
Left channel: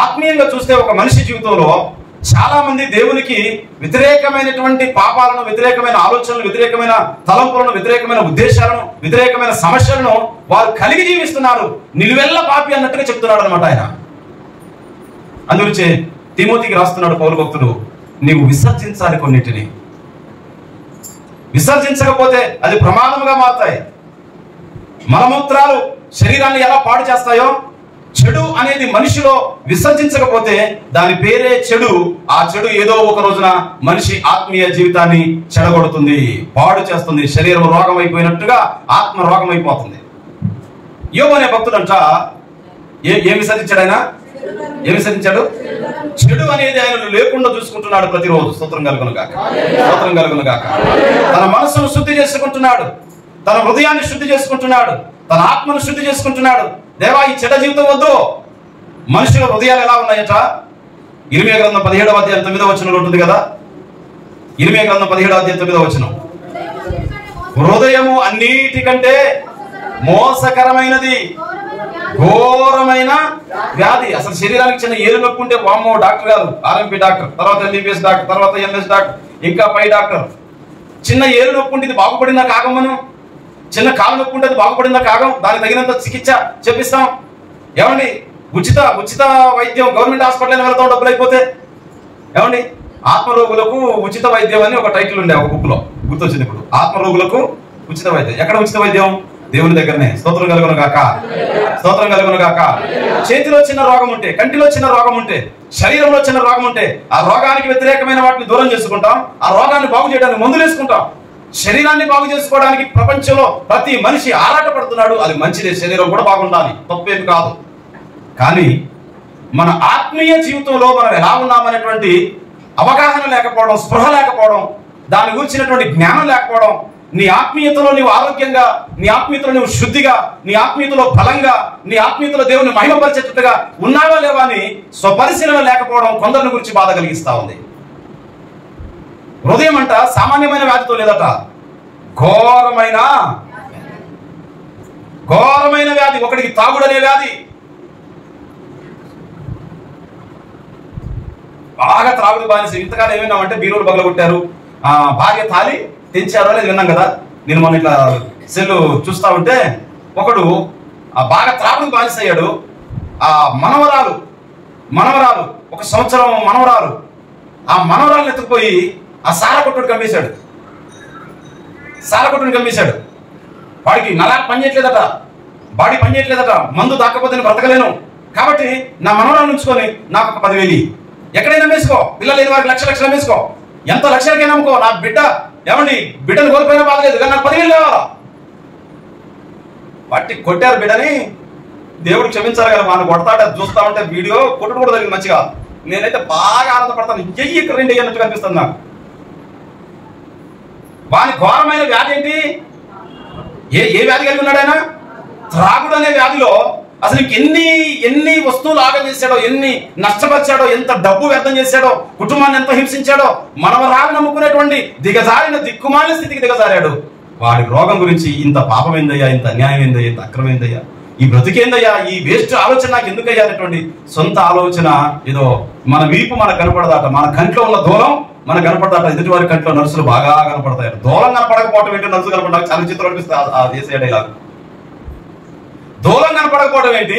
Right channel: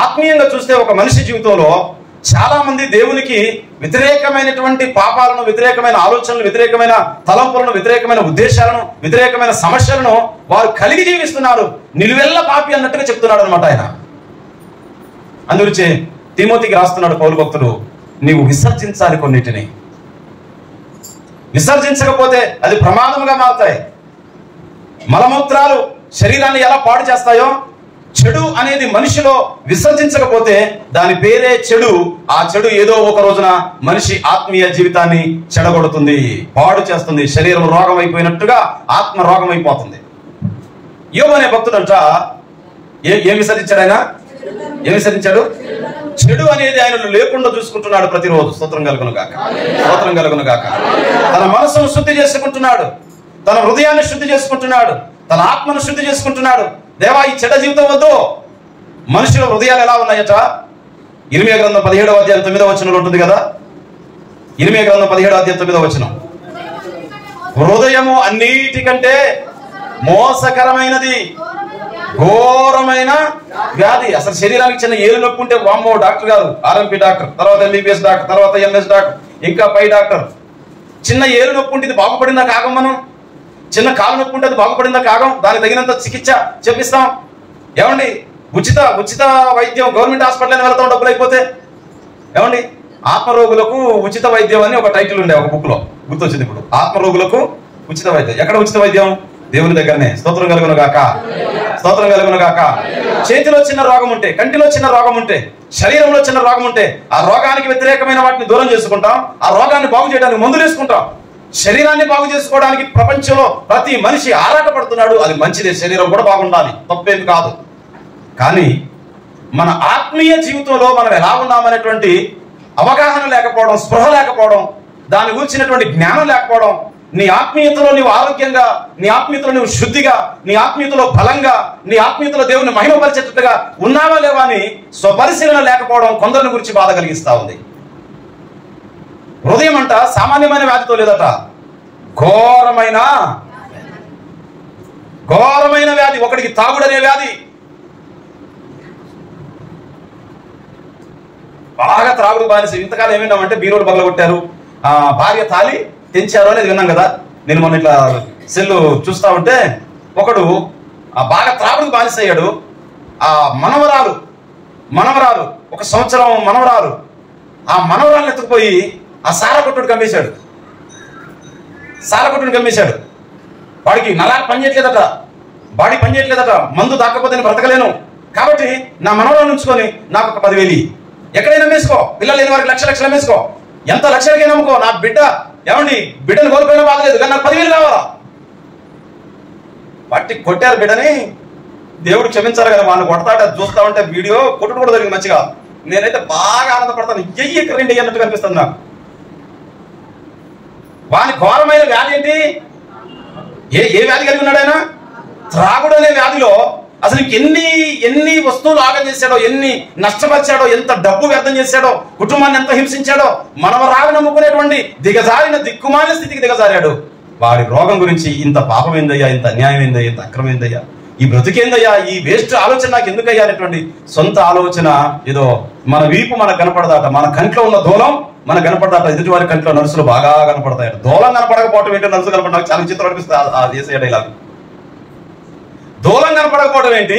ఆత్మీయంగా చూస్తే ఒక మనిషి జీవితంలో చాలా మంది దేవునికి వ్యతిరేకమైనటువంటి పాపాలను, వ్యతిరేకమైన ఆలోచనలు, వ్యతిరేకమైన తలంపులను, వ్యతిరేకమైన ఉద్దేశాలను, వ్యతిరేకమైన సమస్యలను వారు కలిగి జీవిస్తున్నారు. నిలువెల్ల పాపి అన్నట్టుగా చెప్తున్నాడు అనమాట ఆయన. అందుగురించి తిమోతికి రాస్తున్నాడు పౌలు భక్తుడు, నీవు విసర్జించాలి కొన్నిటిని. విసర్జించకపోతే అది ప్రమాదముగా మారుతాయి. మలమూత్రాలు శరీరాన్ని ఎలా పాడు చేస్తాయో, చెడు అనేది మనిషిలో విసర్జించకపోతే దాని పేరే చెడు. ఆ చెడు ఏదో ఒక రోజున మనిషి ఆత్మీయ జీవితాన్ని చెడగొడుతుంది, పాడు చేస్తుంది. శరీరం రోగం అయిపోయినట్టుగా ఆత్మ రోగం అయిపోతుంది. యోబు అనే భక్తుడంట ఏం విసర్జించాడు ఆయన? ఏం విసర్జించాడు? చెడు అనేది ఆయనను లేకుండా చూసుకుంటున్నాడు ప్రతిరోజు. స్తోత్రం కలుగును గాక, స్తోత్రం కలుగును గాక. తన మనసును శుద్ధి చేసుకుంటున్నాడు, తన హృదయాన్ని శుద్ధి చేసుకుంటున్నాడు, తన ఆత్మను శుద్ధి చేసుకుంటున్నాడు. దేవా, ఈ చెడ్డ జీవితం వద్దు. మనుషుల హృదయాలు ఎలా ఉన్నాయట? ఇర్మియా గ్రంథం 17వ అధ్యాయం 9వ వచనంలో ఉంటుంది కదా. ఇర్మియా గ్రంథం 17వ అధ్యాయం 9వ వచనం, హృదయము అన్నిటికంటే మోసకరమైనది, ఘోరమైన వ్యాధి. అసలు శరీరానికి చిన్న ఏలు నొప్పి ఉంటే వామ్మో డాక్టర్ గారు, ఆర్ఎంపీ డాక్టర్, తర్వాత ఎంబీబీఎస్ డాక్టర్, తర్వాత ఎంఎస్ డాక్టర్, ఇంకా పై డాక్టర్. చిన్న ఏలు నొప్పి ఉంటే ఇది బాగుపడిందా కాగం? మనం చిన్న కాలు నొప్పి ఉంటే అది బాగుపడిందా కాగం? దానికి తగినంత చికిత్స చెప్పిస్తాం. ఏమండి, ఉచిత వైద్యం గవర్నమెంట్ హాస్పిటల్ వెళ్తాం డబ్బులు అయిపోతే. ఏమండి, ఆత్మరోగులకు ఉచిత వైద్యం అని ఒక టైటిల్ ఉండే ఒక బుక్ లో, గుర్తొచ్చింది ఇప్పుడు. ఆత్మరోగులకు ఉచిత వైద్యం. ఎక్కడ ఉచిత వైద్యం? దేవుని దగ్గరనే. స్తోత్రం కలుగును గాక, స్తోత్రం కలుగును గాక. చేతిలో చిన్న రోగం ఉంటే, కంటిలో చిన్న రోగం ఉంటే, శరీరంలో చిన్న రోగం ఉంటే ఆ రోగానికి వ్యతిరేకమైన వాటిని దూరం చేసుకుంటాం. ఆ రోగాన్ని బాగు చేయడానికి మందులు వేసుకుంటాం. శరీరాన్ని బాగు చేసుకోవడానికి ప్రపంచంలో ప్రతి మనిషి ఆరాటపడుతున్నాడు. అది మంచిదే, శరీరం కూడా బాగుండాలి, తప్పేమి కాదు. కానీ మన ఆత్మీయ జీవితంలో మనం ఎలా ఉన్నామనేటువంటి అవగాహన లేకపోవడం, స్పృహ లేకపోవడం, దాని గురించినటువంటి జ్ఞానం లేకపోవడం, నీ ఆత్మీయతలో నీవు ఆరోగ్యంగా, నీ ఆత్మీయతలో నువ్వు శుద్ధిగా, నీ ఆత్మీయతలో బలంగా, నీ ఆత్మీయతలో దేవుని మహిమపరిచేటట్టుగా ఉన్నావా లేవా అని స్వపరిశీలన లేకపోవడం కొందరిని గురించి బాధ కలిగిస్తా ఉంది. హృదయం అంట సామాన్యమైన వ్యాధితో లేదట, ఘోరమైన వ్యాధి. ఒకడికి తాగుడనే వ్యాధి, బాగా త్రాగుడు బానిస. ఇంతకాలం ఏమైనామంటే బీరోడు పగలగొట్టారు, భార్య తాలి తెంచారు అనేది విన్నాం కదా. నేను మొన్న ఇట్లా సెల్లు చూస్తా ఉంటే ఒకడు బాగా త్రాగుడు బానిస అయ్యాడు. ఆ మనవరాలు 1 సంవత్సరం మనవరాలు, ఆ మనవరాలను ఎత్తుకుపోయి ఆ సారా కొట్టుని కమ్మేశాడు. వాడికి నరాలు పనిచేయట్లేదట, బాడీ పనిచేయట్లేదట. మందు దాక్కపోతే నేను బ్రతకలేను, కాబట్టి నా మనవరాలను ఉంచుకొని నాకు ఒక 10,000 ఎక్కడైనా అమ్మేసుకో, పిల్లలు లేని వారికి లక్షలు అమ్మేసుకో, ఎంత లక్షలకైనా అమ్ముకో, నా బిడ్డ బిడ్డను కోల్పోయినా బాధలేదు, కానీ నాకు 10,000 కావాలా. పట్టి కొట్టారు బిడ్డని. దేవుడు క్షమించాలి కదా, వాడిని కొడతాడు. అది చూస్తా ఉంటే వీడియో కొట్టుడు కూడా జరిగింది మంచిగా. నేనైతే బాగా ఆనందపడతాను. ఇక్కడ 2 అన్నట్టు కనిపిస్తుంది నాకు. వాని ఘోరమైన వ్యాధి ఏంటి? ఏ వ్యాధి కలిగి ఉన్నాడు ఆయన? త్రాగుడు అనే వ్యాధిలో అసలు ఎన్ని వస్తువులు ఆగం చేశాడో, ఎన్ని నష్టపరిచాడో, ఎంత డబ్బు వ్యర్థం చేశాడో, కుటుంబాన్ని ఎంత హింసించాడో, మనవరాలు నమ్ముకునేటువంటి దిగజారిన దిక్కుమాలిన స్థితికి దిగజారాడు. వాడి రోగం గురించి ఇంత పాపమైందయ్యా, ఇంత అన్యాయం ఏందయ్యా, ఇంత అక్రమైందయ్యా, ఈ బ్రతికేందయ్యా, ఈ వేస్ట్ ఆలోచన నాకు ఎందుకయ్యా అనేటువంటి సొంత ఆలోచన. ఏదో మన వీపు మనకు కనపడదాట, మన కంట్లో ఉన్న దూలం మనకు కనపడదాట, ఎదుటి వారి కంట్లో నర్సులు బాగా కనపడతాయి. దూలం కనపడకపోవటం ఏంటి, నర్సు కనపడడానికి చాలా చిత్రం అనిపిస్తుంది. ఆ చేసే డైలాగ్. దూలం కనపడకపోవడం ఏంటి?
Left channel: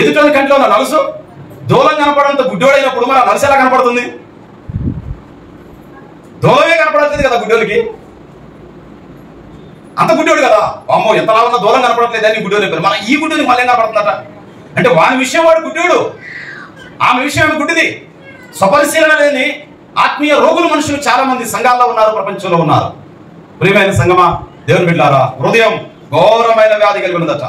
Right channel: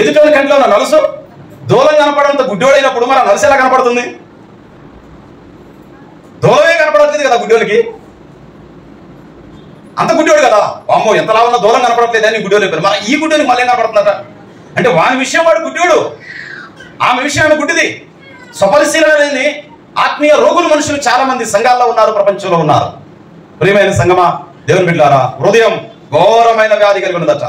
ఎదుటి కంట్లో ఉన్న నలుసు దూలం కనపడంతో గుడ్డోడైనప్పుడు మన నలుసు ఎలా కనపడుతుంది? దూలమే కనపడట్లేదు కదా గుడ్డోడికి, అంత గుడ్డోడు కదా. అమ్మో ఎంతలా ఉన్న దూరం కనపడట్లేదు అని గుడ్డోడు చెప్పారు. మన ఈ గుడ్డోనికి మళ్ళీ కనపడుతుందట అంటే వాని విషయం వాడు గుడ్డోడు, ఆమె విషయం గుడ్డిది. స్వపరిశీలన లేని ఆత్మీయ రోగులు మనుషులు చాలా మంది సంఘాల్లో ఉన్నారు, ప్రపంచంలో ఉన్నారు. ప్రియమైన సంగమా, దేవుని బిడ్డలారా, హృదయం ఘోరమైన వ్యాధి కలిగి ఉన్నదట.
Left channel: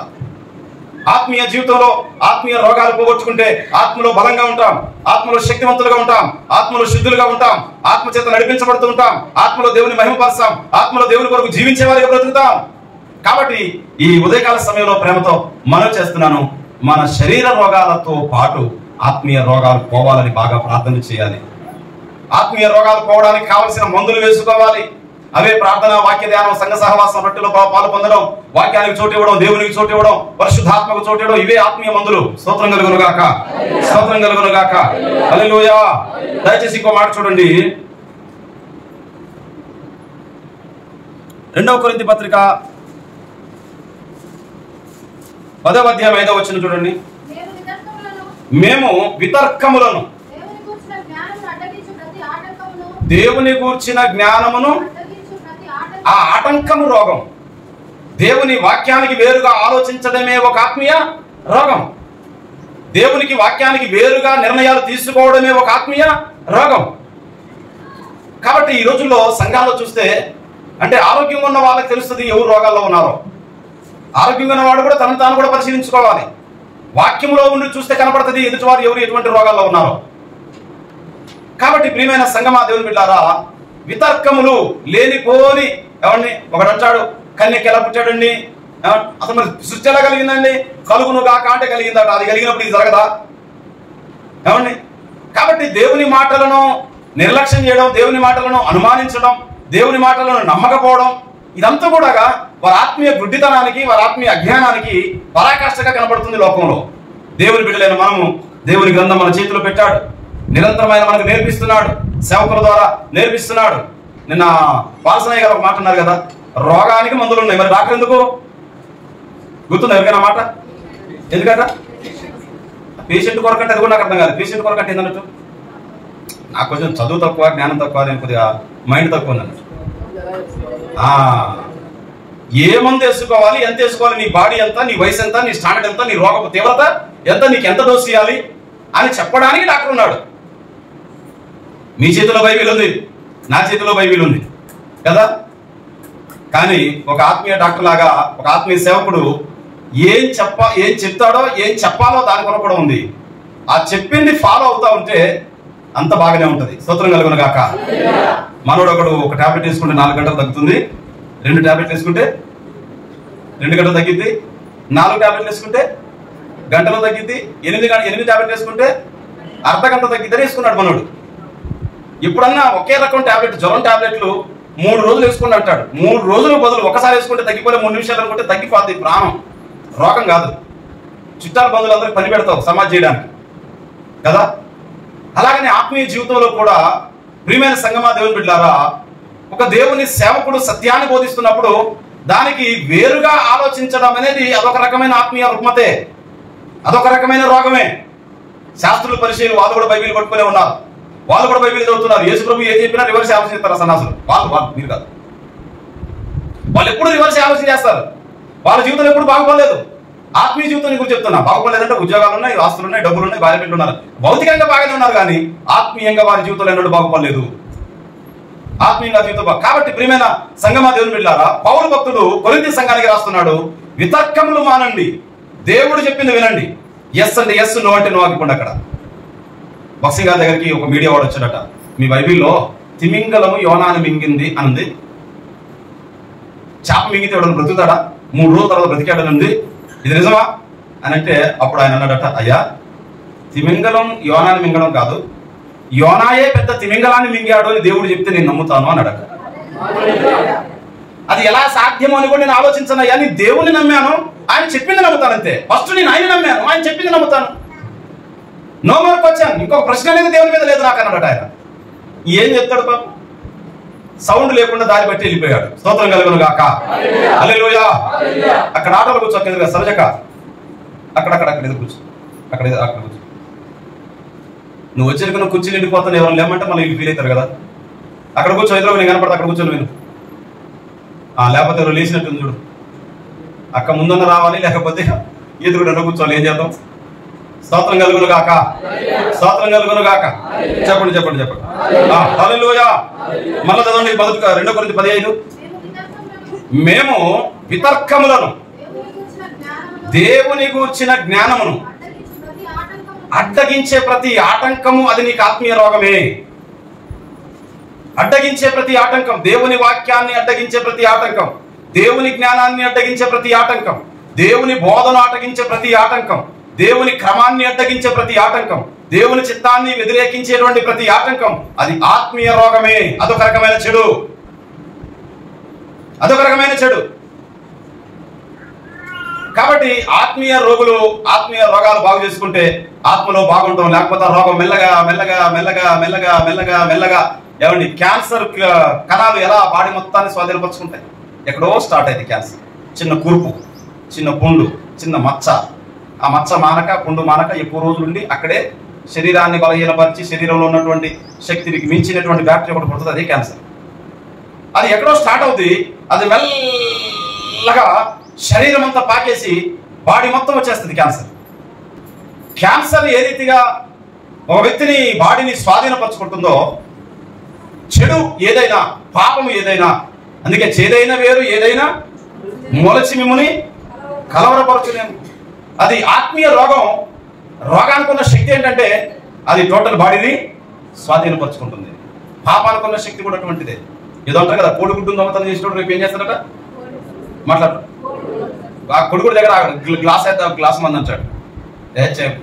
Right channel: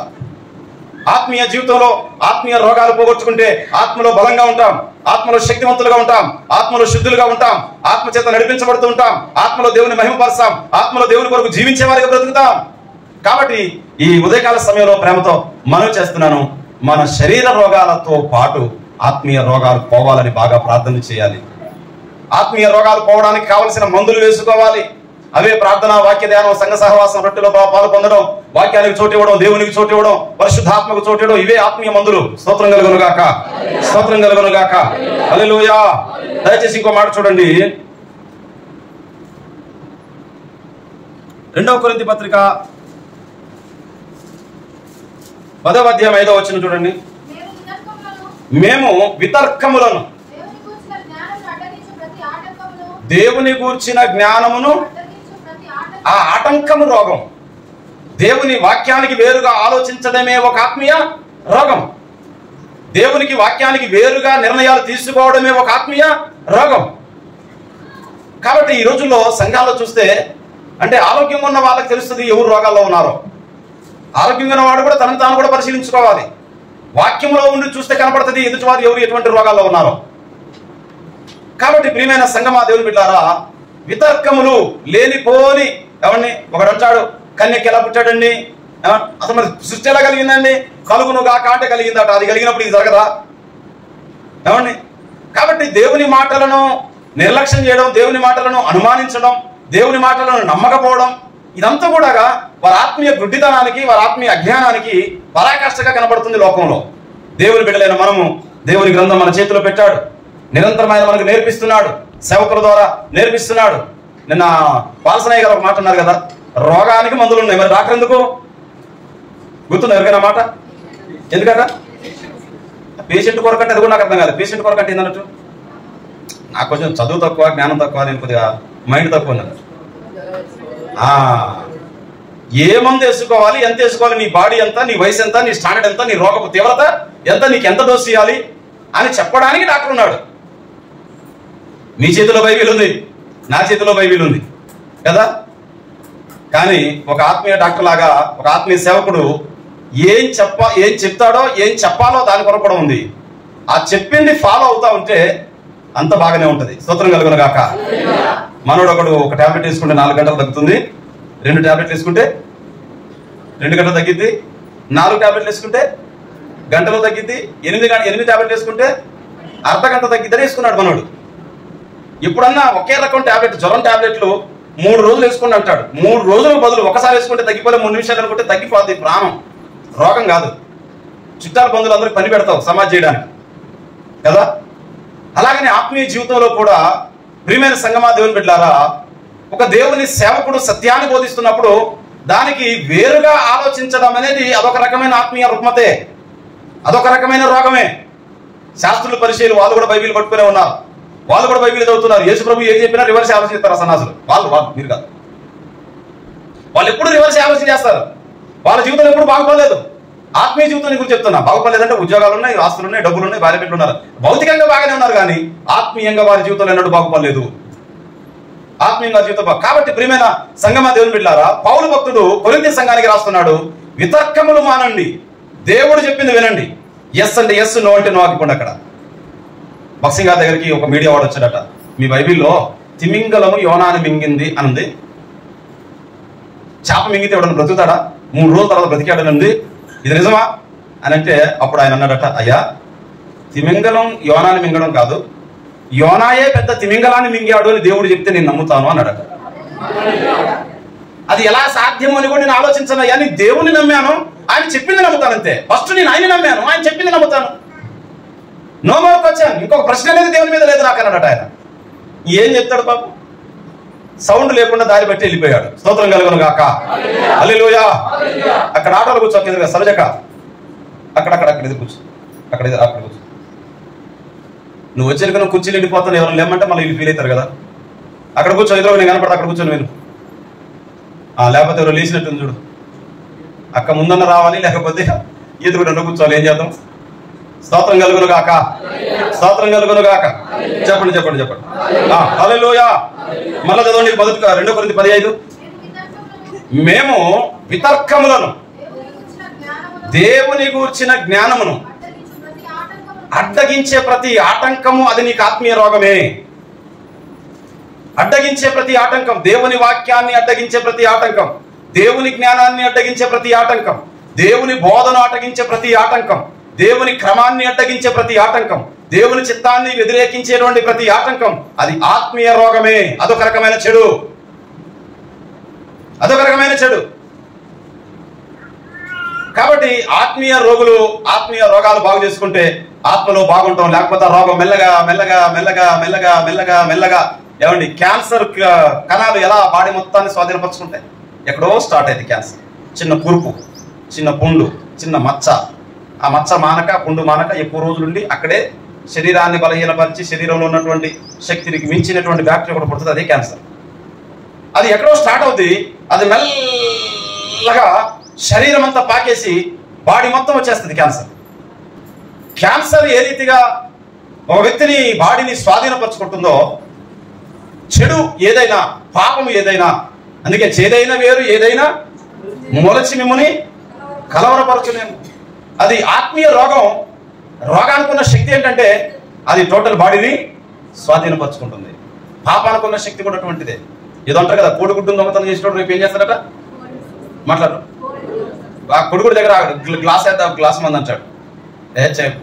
ఆత్మీయ జీవితంలో ఆత్మీయ రోగాలు పోగొట్టుకుంటే ఆత్మలో బలంగా ఉంటాం, ఆత్మలో శక్తివంతులుగా ఉంటాం, ఆత్మలో శుద్ధులుగా ఉంటాం, ఆత్మ చేత నడిపించబడుతూ ఉంటాం, ఆత్మలో దేవుని మహిమపరుస్తాం, ఆత్మలో దేవుని కొరకు జీవించే వారిగా బ్రతుకుతాం. కాబట్టి ఈ ఉదయకాల సమయంలో ప్రేమతో మనవి చేస్తున్నాను, మన శరీర రోగాలతో పాటు ఆత్మీయ రోగాలు పోవాలని బాగా ప్రార్థన చేయాలి. ఆత్మీయ రోగాలు పోవడానికి కావలసిన మందులు వేసుకోవాలి. అవే ప్రార్థన, వాక్య ధ్యానం, సంఘ సహవాసం, రొట్టెలో పాలు పొందడం, వాక్యానికి చోటు ఇవ్వడం, దేవునికి చోటు ఇవ్వడం, పరిశుద్ధాత్మకు చోటు ఇవ్వడం, ఇవే ఆత్మీయ మందులు. స్తోత్రం కలుగును గాక, స్తోత్రం కలుగును గాక. హల్లెలూయా. దయచేసి ఇంకో మాట చూడండి, 2 కొరింథీ పత్రిక 10వ అధ్యాయం 5వ వచనం చూడండి. మేము వితర్కములను, దేవుని గూర్చిన జ్ఞానమును, ఆ ఆటంకము రోగం. దేవుని వాక్యానికి వేరుగా ఆలోచించడమే ఒక ఆత్మీయ రోగం. దేవునికి వాక్యానికి వేరుగా నిర్ణయాలు తీసుకోవడమే ఒక ఆత్మీయ రోగం. కాబట్టి ఈ రోజుల్లో సంఘాలు చూస్తే, అంటే ఆరోగ్యంగా ఉన్న వాళ్ళకి తెలుస్తుంది ఎవరు రోగాల్లో ఉన్నారో. ఆరోగ్యంగా ఉన్న వాడు కూడా తనను తాను కూడా పరిశీలించుకోవాలి. వాక్యంలో ఉండి చూస్తే కనపడుతుంది ఎదుటివారు ఎవరు ఎటువంటి రోగాల్లో ఉన్నారో. కాబట్టి ప్రియమైన సంగమా దేవుని బిడ్డారా, వితర్కములు లేనిపోని, ఎవరిని ఒకడు అంటాడు కన్యకి ఎలా పుట్టాడండి, అసలు మరి సృష్టి ఎలా కలిగిందండి, కలుగును గాక అంటే కలిగిందట. అది కలిగినప్పుడు ఇది జరగదా? ఏమండి? కాబట్టి దేవుని మాటలను నిర్లక్ష్యం చేయడం, దేవుని మాటలను అనుమానించడం, దేవుని మాటలను నమ్మకపోవడం, ఇదంతా కూడా వారి ఆత్మీయ గుడ్డితనానికి, వారి ఆత్మీయ అజ్ఞానానికి పరాకాష్ఠగా కనబడుతుంది లోకంలో. దేవుని బిడ్డలైన మనము దేవుని గ్రంథం మన చేతిలో పెట్టాడు, నిరంతరమైన మనకు నేర్పిస్తున్నాడు, సేవకుల ద్వారా నేర్పిస్తున్నాడు. నిన్న పాల్సనయ్య గారు ఒక మాట అన్నారు కదా, రోగానికి మందులు ఉన్నాయి, మరి డాక్టర్ ఎందుకు? గుర్తుంది ఎవరికైనా మాట? ఎందుకట? పేషెంట్ కొరకంటే అది కూడా నాకు అర్థం కాదు. పేషెంట్ కొరకంటే ఏందన్నట్టు, నాకు కొంచెం చదువు తక్కువ, జ్ఞానం తక్కువ, నేను కొద్దిగా మైండ్ తక్కువ ఉందన్నట్టు. ఏ మందు వేసుకోవాలి, ఎంత వేసుకోవాలి, నీ బాడీ ఎంత, నీ వయసు ఎంత, నీ స్టాండర్డ్ ఎంత, నీ రోగపు తీవ్రత ఎంత, నీకు ఎంత డోస్ ఇవ్వాలి అని చెప్పడానికి డాక్టర్ ఉన్నాడు. మీ చేతిలో బైబిల్ ఉంది, నా చేతిలో బైబిల్ ఉంది కదా. కానీ ఒక ఆత్మీయ డాక్టర్ లాగా ఒక ఆత్మీయ సేవకుడు ఏం చెప్తాడో, ఏం చెప్పాలో దాని కొరకు కూడా ఉంది. ఆ చెప్పింది ఫాలో అవుతా ఉంటే అంత బాగానే ఉంటది. స్తోత్రం కలుగును గాక. మనోడు ఒకడు ఒక టాబ్లెట్ వేసుకుంటే 4 గంటలు తగ్గుతుంది, 2 టాబ్లెట్లు వేసుకుంటే 2 గంటలు తగ్గిద్ది, 4 టాబ్లెట్లు వేసుకుంటే గంటలో తగ్గిద్ది, 8 టాబ్లెట్లు వేసుకుంటే అర్ధగంట తగ్గిద్దని వేసుకున్నాడు మనోడు. ఎప్పుడన్నా ఒకే రకం టాబ్లెట్, జ్వరం టాబ్లెట్లు 3 రోజులు వేసుకుంటూ అంటాడు. 3 రోజులకు బదులు ఒకసారి వేసుకుంటే తగ్గిపోలే, 3 నిమిషాలు అనుకుంటే తగ్గిపోద్ది. ప్రాణం, రోగం కాదు. చుట్టాల బంధువులు అందరికి పని పెడతావు సమాజ్ చేయడానికి కదా. అలాగనే ఆత్మీయ జీవితంలో కూడా ప్రియమైన సంగమా దేవుని బిడ్డలారా, ఒక దేవుని సేవకుడు సత్యాన్ని బోధిస్తున్నప్పుడు దానికి వేరుగా ఆలోచించడం అనేది అదొక రకమైన ఆత్మీయ రుగ్మతే, అదొక రకమైన రోగమే. శాస్త్రులు, పరిచయులు వాళ్ళు కూడా బైబిల్ పట్టుకునే ఉన్నారు, వాళ్ళు కూడా బైబిల్ చదువుతున్నారు. యేసు ప్రభు ఏం చెప్పినా రివర్స్ ఆలోచిస్తారు సన్నాసులు. వాళ్ళు మీరు కాదు, వాళ్ళు ఎప్పుడు రివర్స్ ఆలోచన చేస్తారు. వాళ్ళ జీవితం ఎప్పుడు బాగుపడలేదు. ఆత్మీయ జీవితం గురించి చెప్తున్నా, బాగుపడలేదంటే ఉద్యోగాలు ఉన్నాయి, ఆస్తులు ఉన్నాయి, డబ్బులు ఉన్నాయి, భార్య బిడ్డలు ఉన్నారు, భౌతికంగా బాగానే ఉన్నారు, కానీ ఆత్మీయంగా వారి జీవితంలో ఎన్నడూ బాగుపడలేదు. ఆత్మీయంగా జీవితం కాబట్టి ప్రియమైన సంగమా దేవుని బిడ్డలారా, పౌలు భక్తుడు కొరింథీ సంఘానికి రాస్తున్నాడు, వితర్కములు మానండి, దేవుడు చెప్పింది వినండి. ఎస్ అంటే ఎస్, నో అంటే నో ఆగిపోండి. అక్కడ బక్సీ గారి దగ్గరికి ఒక మీడియా వాడు వచ్చాడట, మీ బైబిల్లో తిమింగలము యోనాని మింగింది అనుంది, చేప మింగితే ఎవడన్నా బ్రతుకుతాడా, 3 రోజుల తర్వాత బ్రతికాడని ఉంది, ఇది నిజమా అని అంటే అప్పుడు ఆయన అన్నాడట, అయ్యా తిమింగలం యోనాని మింగడం కాదు, యోనాయే పెద్ద తిమింగలాన్ని మింగాడు అని దేవుడు చెప్తే నేను నమ్ముతాను అన్నాడట. అది ఎలా సాధ్యమో అని కూడా నేను ఆలోచించను. అయ్యా నేను దేవుని నమ్మాను, ఆయన చెప్పింది నమ్ముతాను అంతే. ఫస్ట్ నేను ఆయన నమ్మాను, ఆయన చెప్పింది నమ్ముతాను. నో మోర్ క్వశ్చన్, ఇంకొక ప్రశ్న అనేది దేవుని మీద లేదు నాకు అన్నాడట. ఆయన ఏం చెప్తాడు పాపం, సౌండ్ లేకుండా దారి బట్టి వెళ్ళిపోయాడు. స్తోత్రం కలుగును గాక. హల్లెలూయా. అక్కడ ఆటోలో కూర్చో, కింద సరజక అక్కడ ఎదురు కూర్చో, అక్కడ కూర్చో. నువ్వు వచ్చిన నువ్వు కుర్చీలు వెళ్ళిపోతాను, ఎవరైనా లేమంటే మళ్ళీ వీళ్ళు ఫీల్ అవుతారు కదా. అక్కడ కూర్చో, ఎదురు నేను కనపడతా, అక్కడ కూర్చొని నేను లేకపోతే ఎవరు లేచినట్టుంది చూడు. అక్క ముందన్న రావాలి, లేకపోతే ఎదురు కూర్చోవాలి. ఏం చేద్దాం? స్తోత్రం కలుగును గాక, స్తోత్రం కలుగును గాక. చెప్పండి. హల్లెలూయా. మళ్ళా చదవండి 2 కొరింథీ 10:5. మేము వితర్కములను, దేవుని గూర్చిన జ్ఞానమును అడ్డగించే ప్రతి ఆటంకము అది నీకు ఆత్మీయ రోగమే. అడ్డగించే ప్రతి ఆటంకం, దేవుని వాక్యాన్ని అడ్డగించే ప్రతి ఆటంకం, దేవుని జ్ఞానాన్ని అడ్డగించే ప్రతి ఆటంకం, దేవుని బోధన అడ్డగించే ప్రతి ఆటంకం, దేవుని క్రమాన్ని అడ్డగించే ప్రతి ఆటంకం, దేవుని చిత్తాన్ని వ్యతిరేకించేటువంటి ప్రతి ఆటంకం అది ఆత్మీయ రోగమే. అదొక రకమైన చెడు, అదొక రకమైన చెడు. కాబట్టి ఆత్మీయ రోగాలు బాగు చేసుకుంటే ఆత్మలో బాగుంటాం. లేకపోతే రోగం మెల్లగా మెల్లగా మెల్లగా మెల్లగా మెల్లగా మెల్లగా ఏమండి క్యాన్సర్ కణాలు ఎలా బాడీ మొత్తాన్ని స్వాధీనపరుచుకుంటాయి. ఎక్కడో స్టార్ట్ అయింది క్యాన్సర్. చిన్న కురుపు, చిన్న పుండు, చిన్న మచ్చ. ఆ మచ్చ మానక, పుండు మానక ఎక్కువ రోజులుండి అక్కడే శరీరాన్ని బలహీనపరిచి శరీరంలో ఉన్నటువంటి శక్తికి మించినటువంటి బ్యాక్టీరియా ఒకటి పుడుతుంది, అదే క్యాన్సర్. అది ఎక్కడో స్టార్ట్ అవుతుంది, అది మెల్లగా శరీరం అంతా పాకేసి బాడీ మొత్తం వచ్చేస్తుంది క్యాన్సర్. క్యాన్సర్ ఏ రీతిగా ఒక వ్యక్తిని బాడీని స్వాధీనపరుచుకుంటుందో, చెడు ఏదైనా, పాపము ఏదైనా, అందుకే చేదైన వేరు ఏదైనా మొలచి మిమ్మల్ని కలవరపరచులేము. అది ఆత్మీయ రోగం. రోగానికి ఉన్న శక్తి ఏంటంటే అది టోటల్ బాడీని స్వాధీనపరుచుకుంటుంది. పాపానుకున్న శక్తి కూడా అటువంటిదే. ఏదో అంటారు కదా, కోడిగుడ్డు దొంగతనం చేసినప్పుడు రేపు ఏం చేస్తాడట, మాట్లాడు. ఆ కొడుకుడి దగ్గర గ్లాస్ అయితే గ్లాస్ మంది అంటాడు,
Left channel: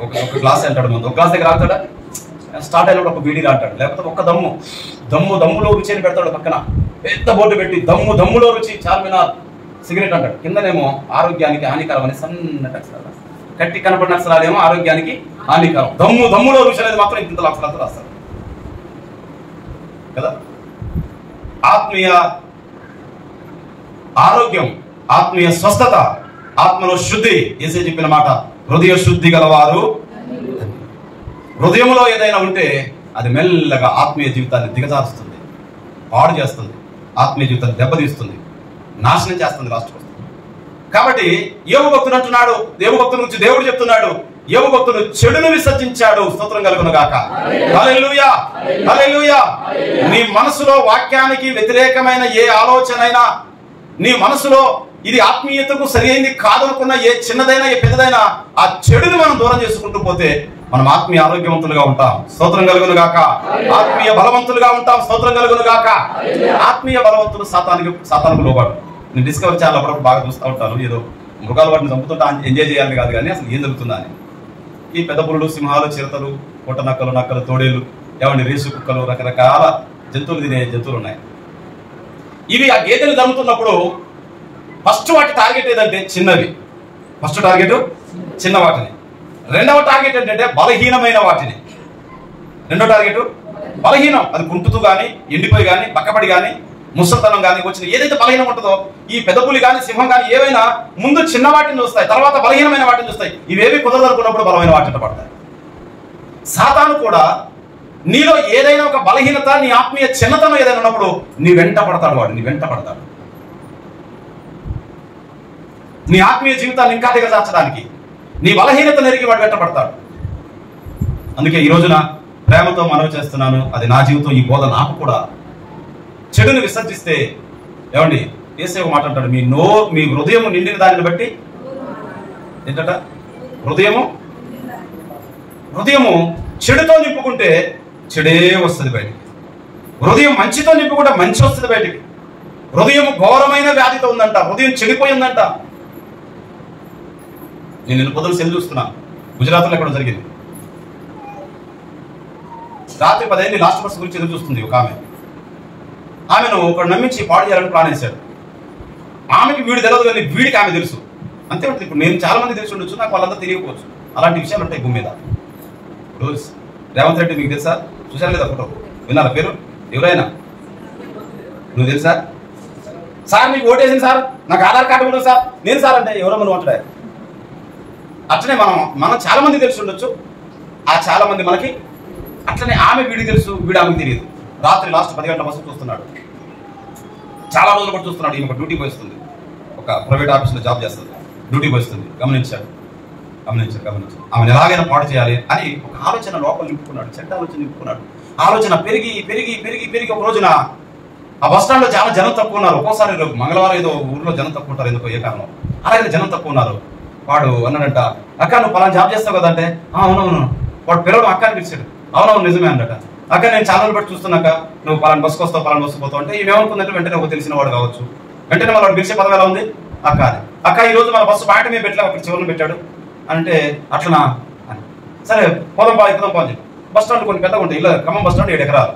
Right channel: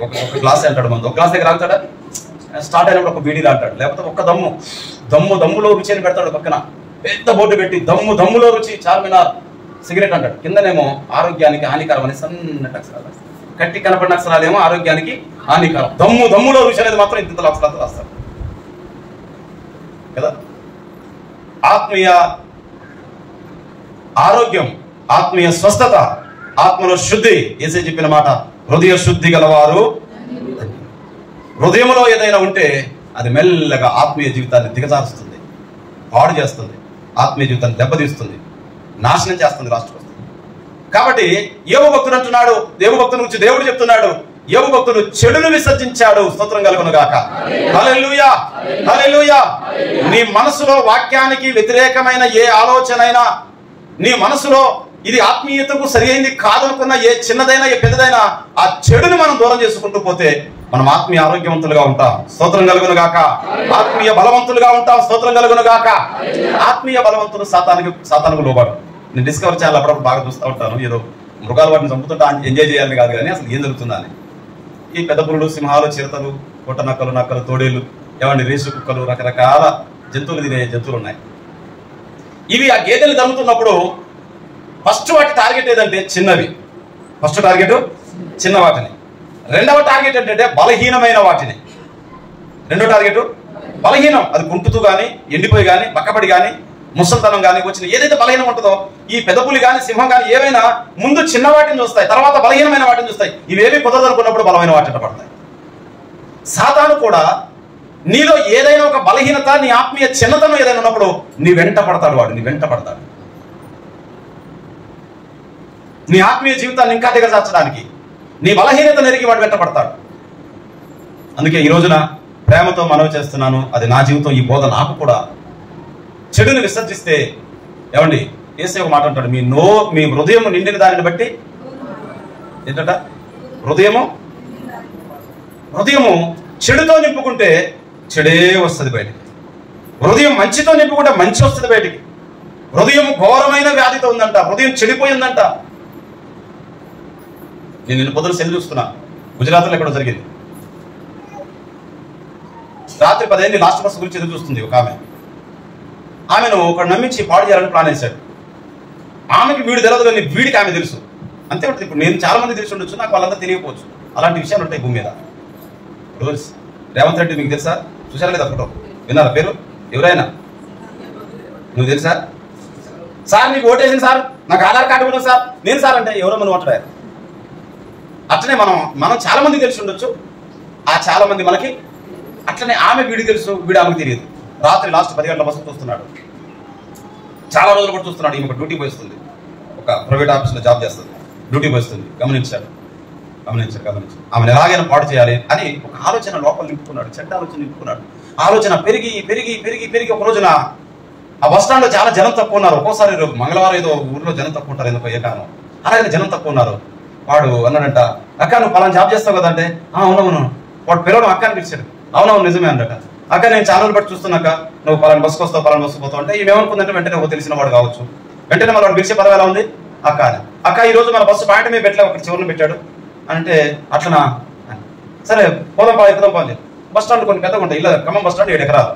ఒక గ్లాస్ అంటాడు మంది, ఒక గ్లాస్ దగ్గర ఆగుతాడా, స్టార్ట్ అయినప్పుడు ఒక బీడీగా అంటాడు, లేకపోతే ఒక్క దమ్ములో రుచి అని పెడతాడు. పక్కన పెద్ద బోర్డు పెట్టి దమ్ములో రుచి చార్మినార్ సిగరెట్ అంటాడు. కిందనేమో ఆరోగ్యానికి హానికరం అని సన్నటి అక్షరాలు, కట్టి కనపడిన అక్షరాలేమో ఆరోగ్యానికి హానికరం. దమ్ములో రుచి అనేది మాత్రం ఇంత అక్షరాలతో రాస్తారు కదా. ఆత్మీయ ఆరోగ్యం, ఆత్మీయ స్వస్థత, ఆత్మలో శుద్ధి, యేసే చెప్పిన మాట, హృదయ శుద్ధి గలవారు. హృదయంలో ఏదైనా ఉంటే అది మెల్లగా ఆత్మీయ జీవితాన్ని దిగజారుస్తుంది, పాడు చేస్తుంది, ఆత్మీయ జీవితాన్ని దెబ్బతీస్తుంది, నాశనం చేస్తుంది, లాస్ట్కి వస్తుంది. కాబట్టి యోబు భక్తుడు అంటున్నాడు, యోబు భక్తుల గురించి దేవుడు చెప్తున్నాడు, యోబు భక్తుడు చెడును విసర్జించాడు, స్తోత్రం కలుగును గాక. హల్లెలూయా, హల్లెలూయా. నీ మనసులో వాక్యానికి వ్యతిరేకమైన ఏ ఆలోచన అయినా, నీ మనసులో ఇది ఆత్మీయతకు సరైనది కాదనుకున్న ఏ చిన్నదైనా ఏ పెద్దదైనా, ఆ చెడుని మనం దూరం చేసుకుంటూ పోతే మనం ఆత్మీయ ఆరోగ్యవంతులుగా ఉంటాం, స్తోత్రం కలుగును గాక. ఆత్మీయ బలవంతులుగా ఉంటాం, స్తోత్రం కలుగును గాక. ఆత్మీయ బలవంతులు సాతానుకు లోబడు. నేను డిస్కవర్ ఛానల్ అప్పుడప్పుడు బాగా చూస్తూ ఉంటాను. ఏదో మృగాలు వాటిని చంపుతుంటా ఎంజాయ్ చేయాలని కాదు, కానీ అసలు ఏం జరుగుతుందా అని. ఈ పెద్ద పురులు, సింహాలు, చిరతలు, కొట్ట నక్కలు, తోడేలు, ఏమండి రేసు కుక్కలు, రకరకాల జంతువులు తినే జంతువులు ఉన్నాయి. ఇవి ఆ గేదెలు దమ్ముతున్నప్పుడు ఫస్ట్ వాటి టార్గెట్ ఏదంటే చిన్నవి. ఫస్ట్ టార్గెట్ చిన్న వాటిని. రెండవ టార్గెట్ ఏంటంటే బలహీనమైన వాటిని. రెండో టార్గెట్ బలహీనం, అది కుంటుతూ కానీ, ఎండిపోయి కానీ, బక్కపడి కానీ, ముసలితనం కానీ వచ్చిన ఏదైతే బలహీనం ఉంటుందో, ఈ పెదపులి కానీ, సింహం కానీ ఏవైనా ముందు చిన్న వాటిని చూస్తాయి, తర్వాత బలహీనమైన వాటిని చూస్తాయి. ఇవేవి కుదరదనుకున్నప్పుడు బలమైన వాటిని పడతాయి. సాతాను కూడా నీలో ఏదైనా ఒక బలహీనత, నీ ఆత్మీయ చిన్నతనం ఏదైనా ఉన్నప్పుడు నీ వెంట పడతాడు. వాడు నీ వెంట పడతాడు, నీ ఆత్మీయ జీవితాన్ని ఇంకా దిగజార్చడానికి, నీ బలహీనత నెరిగి వాడు వెంట పడతాడు. అందుకే ఈ రోజున ప్రేమతో మనవి చేస్తున్నాను, అది నా జీవితం, ఈ బోధ నాకు కూడా. చెడుని విసర్జిస్తే ఏమండి, యేసే ఒక మాట అంటాడు, మీ హృదయం నిండిన దానిని బట్టి ఏంటట, హృదయము చెడుతో నింపుకుంటే చెడే వస్తుంది బయటికి. హృదయం మంచితో నింపుకుంటే మంచి వస్తుంది బయటికి. హృదయం ఘోరమైన వ్యాధితో ఉందంట, హృదయం చెడిపోయిందంట. నేను నిన్న పొద్దున సెల్ చూస్తున్నా, గుజరాత్లో ఎక్కడో జరిగింది. రాత్రి 10 అయింది, లాస్ట్ బస్ గురించి ఎదురు చూస్తుంది ఒక ఆమెను ఒకడు నమ్మించి పాడు చేయాలని ప్లాన్ వేశాడు. ఆమెకి వీడు తెలియదు, కానీ వీడికి ఆమె తెలుసు. అంతే ఉంటుంది. ఇప్పుడు నేను చాలా మంది తెలిసి ఉండొచ్చు, నాకు వాళ్ళంతా తెలియకపోవచ్చు. అలాంటి విషయాలు ఉంటాయి భూమి మీద. ఇప్పుడు రేవంత్ రెడ్డి మీకు తెలుసా? చూసారా లేదా ఫోటో? విన్నారా పేరు? ఎవరైనా నువ్వు తెలుసా? సార్ మీకు ఓటేసింది సార్, నాకు ఆధార్ కార్డు కూడా సార్. నేను సార్ అంటే ఎవరో మనం అంటారు. అట్లనే మనం చాలా మంది తెలిసి ఉండొచ్చు, ఆ చాలా మంది మనకి. అట్లనే ఆమె వీడికి తెలుసు, వీడు ఆమెకు తెలియదు. రాత్రి లాస్ట్ 10 గంటల బస్సు చూస్తున్నాడు, చాలా రోజులు కూడా చూస్తున్నాడు. ఈమె డ్యూటీ పోయిస్తుంది, ఒక ప్రైవేట్ ఆఫీస్లో జాబ్ చేస్తుంది, డ్యూటీ పోయిస్తుంది. గమనించాడు. ఆమెను ఎలాగైనా పాడు చేయాలి అని ఒక ఆలోచన లోపల నింపుకున్నాడు, చెడ్డ ఆలోచన నింపుకున్నాడు. ఆలోచన పెరిగి పెరిగి పెరిగి పెరిగి ఒక రోజున ఆ బస్ స్టాండ్లో చాలా జనం తక్కువ ఉన్నారు. ఒక్కోసారి మంగళవారం ఏదో ఊర్లో జనం తక్కువ ఉంటారు, ఎందుకో ఏ కారణం, అలాగే జనం తక్కువ ఉన్నారు. వాడు అన్నాడంట, అక్క నువ్వు పలానా జాబ్ చేస్తావు కదంటే, అవునవును. వాడు పిల్లలు అక్క అని పిలిచాడు. అవునవును నిజమే అన్నట. అక్క నేను ఛానల్ బట్టి చూస్తున్నాక నువ్వు పలానా బస్సుకు వస్తావు, పలానా బస్సుకు పోతావు అంటే ఏమనుకుందంటే వెంటనే ఒక తెలిసిన వాడు కావచ్చు. వెంటనే వాడు పిలిచే పదం ఎలా ఉంది, అక్క అని. అక్క ఈ రోజు మన బస్సు పాయింట్ మీద పెట్టలే, అక్కడ చివరిని పెట్టాడు అంటే అట్లనా, సరే పోదాం ఎక్కుదాం పా అని చెప్పి. బస్ స్టాండ్ కొన్ని పెద్దగా ఉంటాయి, ఇలా ఖమ్మం బస్ స్టాండ్ 7 ఎకరాలు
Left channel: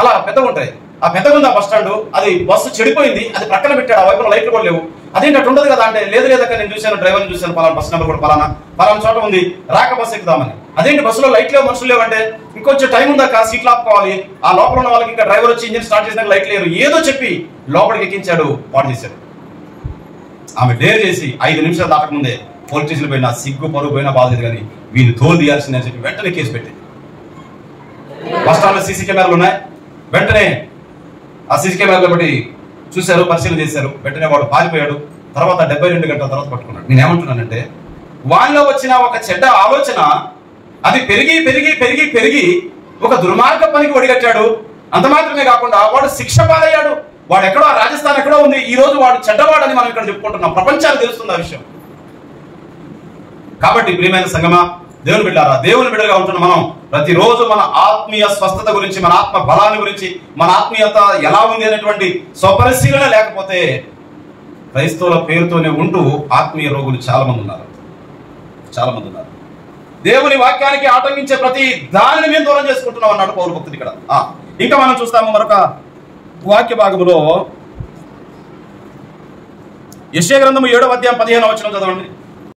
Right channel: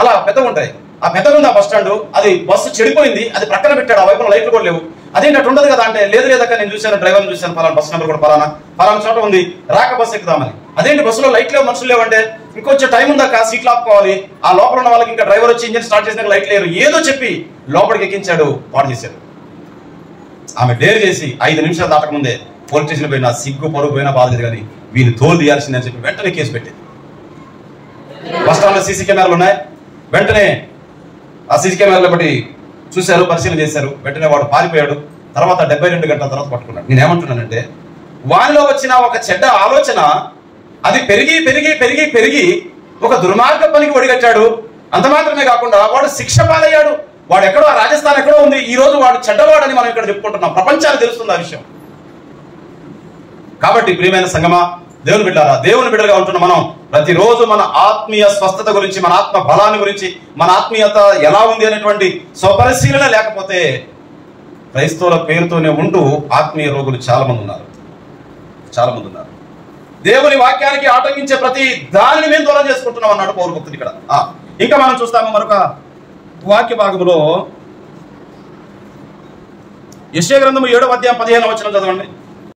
అలా పెద్దగా ఉంటాయి. ఆ పెద్దగా ఉంది ఆ బస్ స్టాండ్, అది బస్సు చెడిపోయింది, అది ప్రక్కన పెట్టాడు, ఆ వైపున లైట్లు కూడా లేవు. అదేంటి అటు ఉండదు కదా అంటే, లేదు లేదక్క నేను చూశాను, డ్రైవర్ని చూశాను, పలానా బస్ నెంబర్ కూడా పలానా చోట ఉంది, రాక బస్సు ఎక్కుదామని. అదేంటి బస్సులో లైట్ లేవు, మనుషులు లేవంటే, ఇంకొంచెం టైం ఉందాక సీట్లు ఆపుకోవాలి, ఆ లోపల ఉన్న వాళ్ళకి ఇంకా డ్రైవర్ వచ్చి ఇంజిన్ స్టార్ట్ చేసినాక లైట్ లేరు, ఏదో చెప్పి లోపలికి ఎక్కించాడు, పాడు చేశాడు. ఆమె డేర్ చేసి 5 నిమిషాలు దాటకముందే పోలీస్ స్టేషన్ పోయినా సిగ్గు పరుగు పోయినా బాధలేదు, కానీ వీళ్ళు తోలు తీయాల్సిందని చెప్పి వెంటనే కేసు పెట్టింది. బస్ స్టాండ్ లో సీసీ కెమెరాలు ఉన్నాయి, వెంటనే ఆ సీసీ కెమెరాలు బట్టి చూశారు, పరిశీలన చేశారు. వెంటనే వాడు పారిపోయాడు. తర్వాత 72 గంటల తర్వాత పట్టుకున్నాడు. నేనేమంటున్నానంటే, వానిలో వచ్చిన ఒక చెడ్డ ఆలోచన అది పెరిగి పెరిగి పెరిగి పెరిగి ఒక దుర్మార్గ పనికి ఒడిగట్టాడు. అంత మాత్రమే కాకుండా వాడు శిక్ష పాలయ్యాడు. వాడు ఎక్కడో రాజస్థాన్ ఎక్కడో ఉంది, ఈ రోజు వాడు చెడ్డవాడని మనం ఇక్కడ చెప్పుకుంటున్నాం, ప్రపంచానికి తెలుస్తుంది ఆ విషయం. కాబట్టి ప్రియమైన సంగమా, దేవుని బిడ్డారా, దేవుని బిడ్డలుగా ఉంటున్న మనం ప్రతిరోజు మన ఆత్మీయ స్వస్థత గురించి, మన ఆత్మ బలాన్ని గురించి, మన ఆత్మీయత ఎలా ఉంది అనేటువంటి స్వపరిశీలన లేకపోతే క్రైస్తవుల పేరుతోనే ఉంటూ ఆత్మీయ రోగులు చాలా మంది ఉన్నారు. దేవుని వాక్యానికి ఆటంకించే ప్రతి దానిని మేము దూరం చేసుకుంటున్నాం అన్నాడు పౌలు భక్తుడు ఇక్కడ. ఇంకా మనం చూస్తాము మరొక వాక్య భాగంలో, యెషయా గ్రంథము 7వ అధ్యాయం 15వ వచనం చదవండి.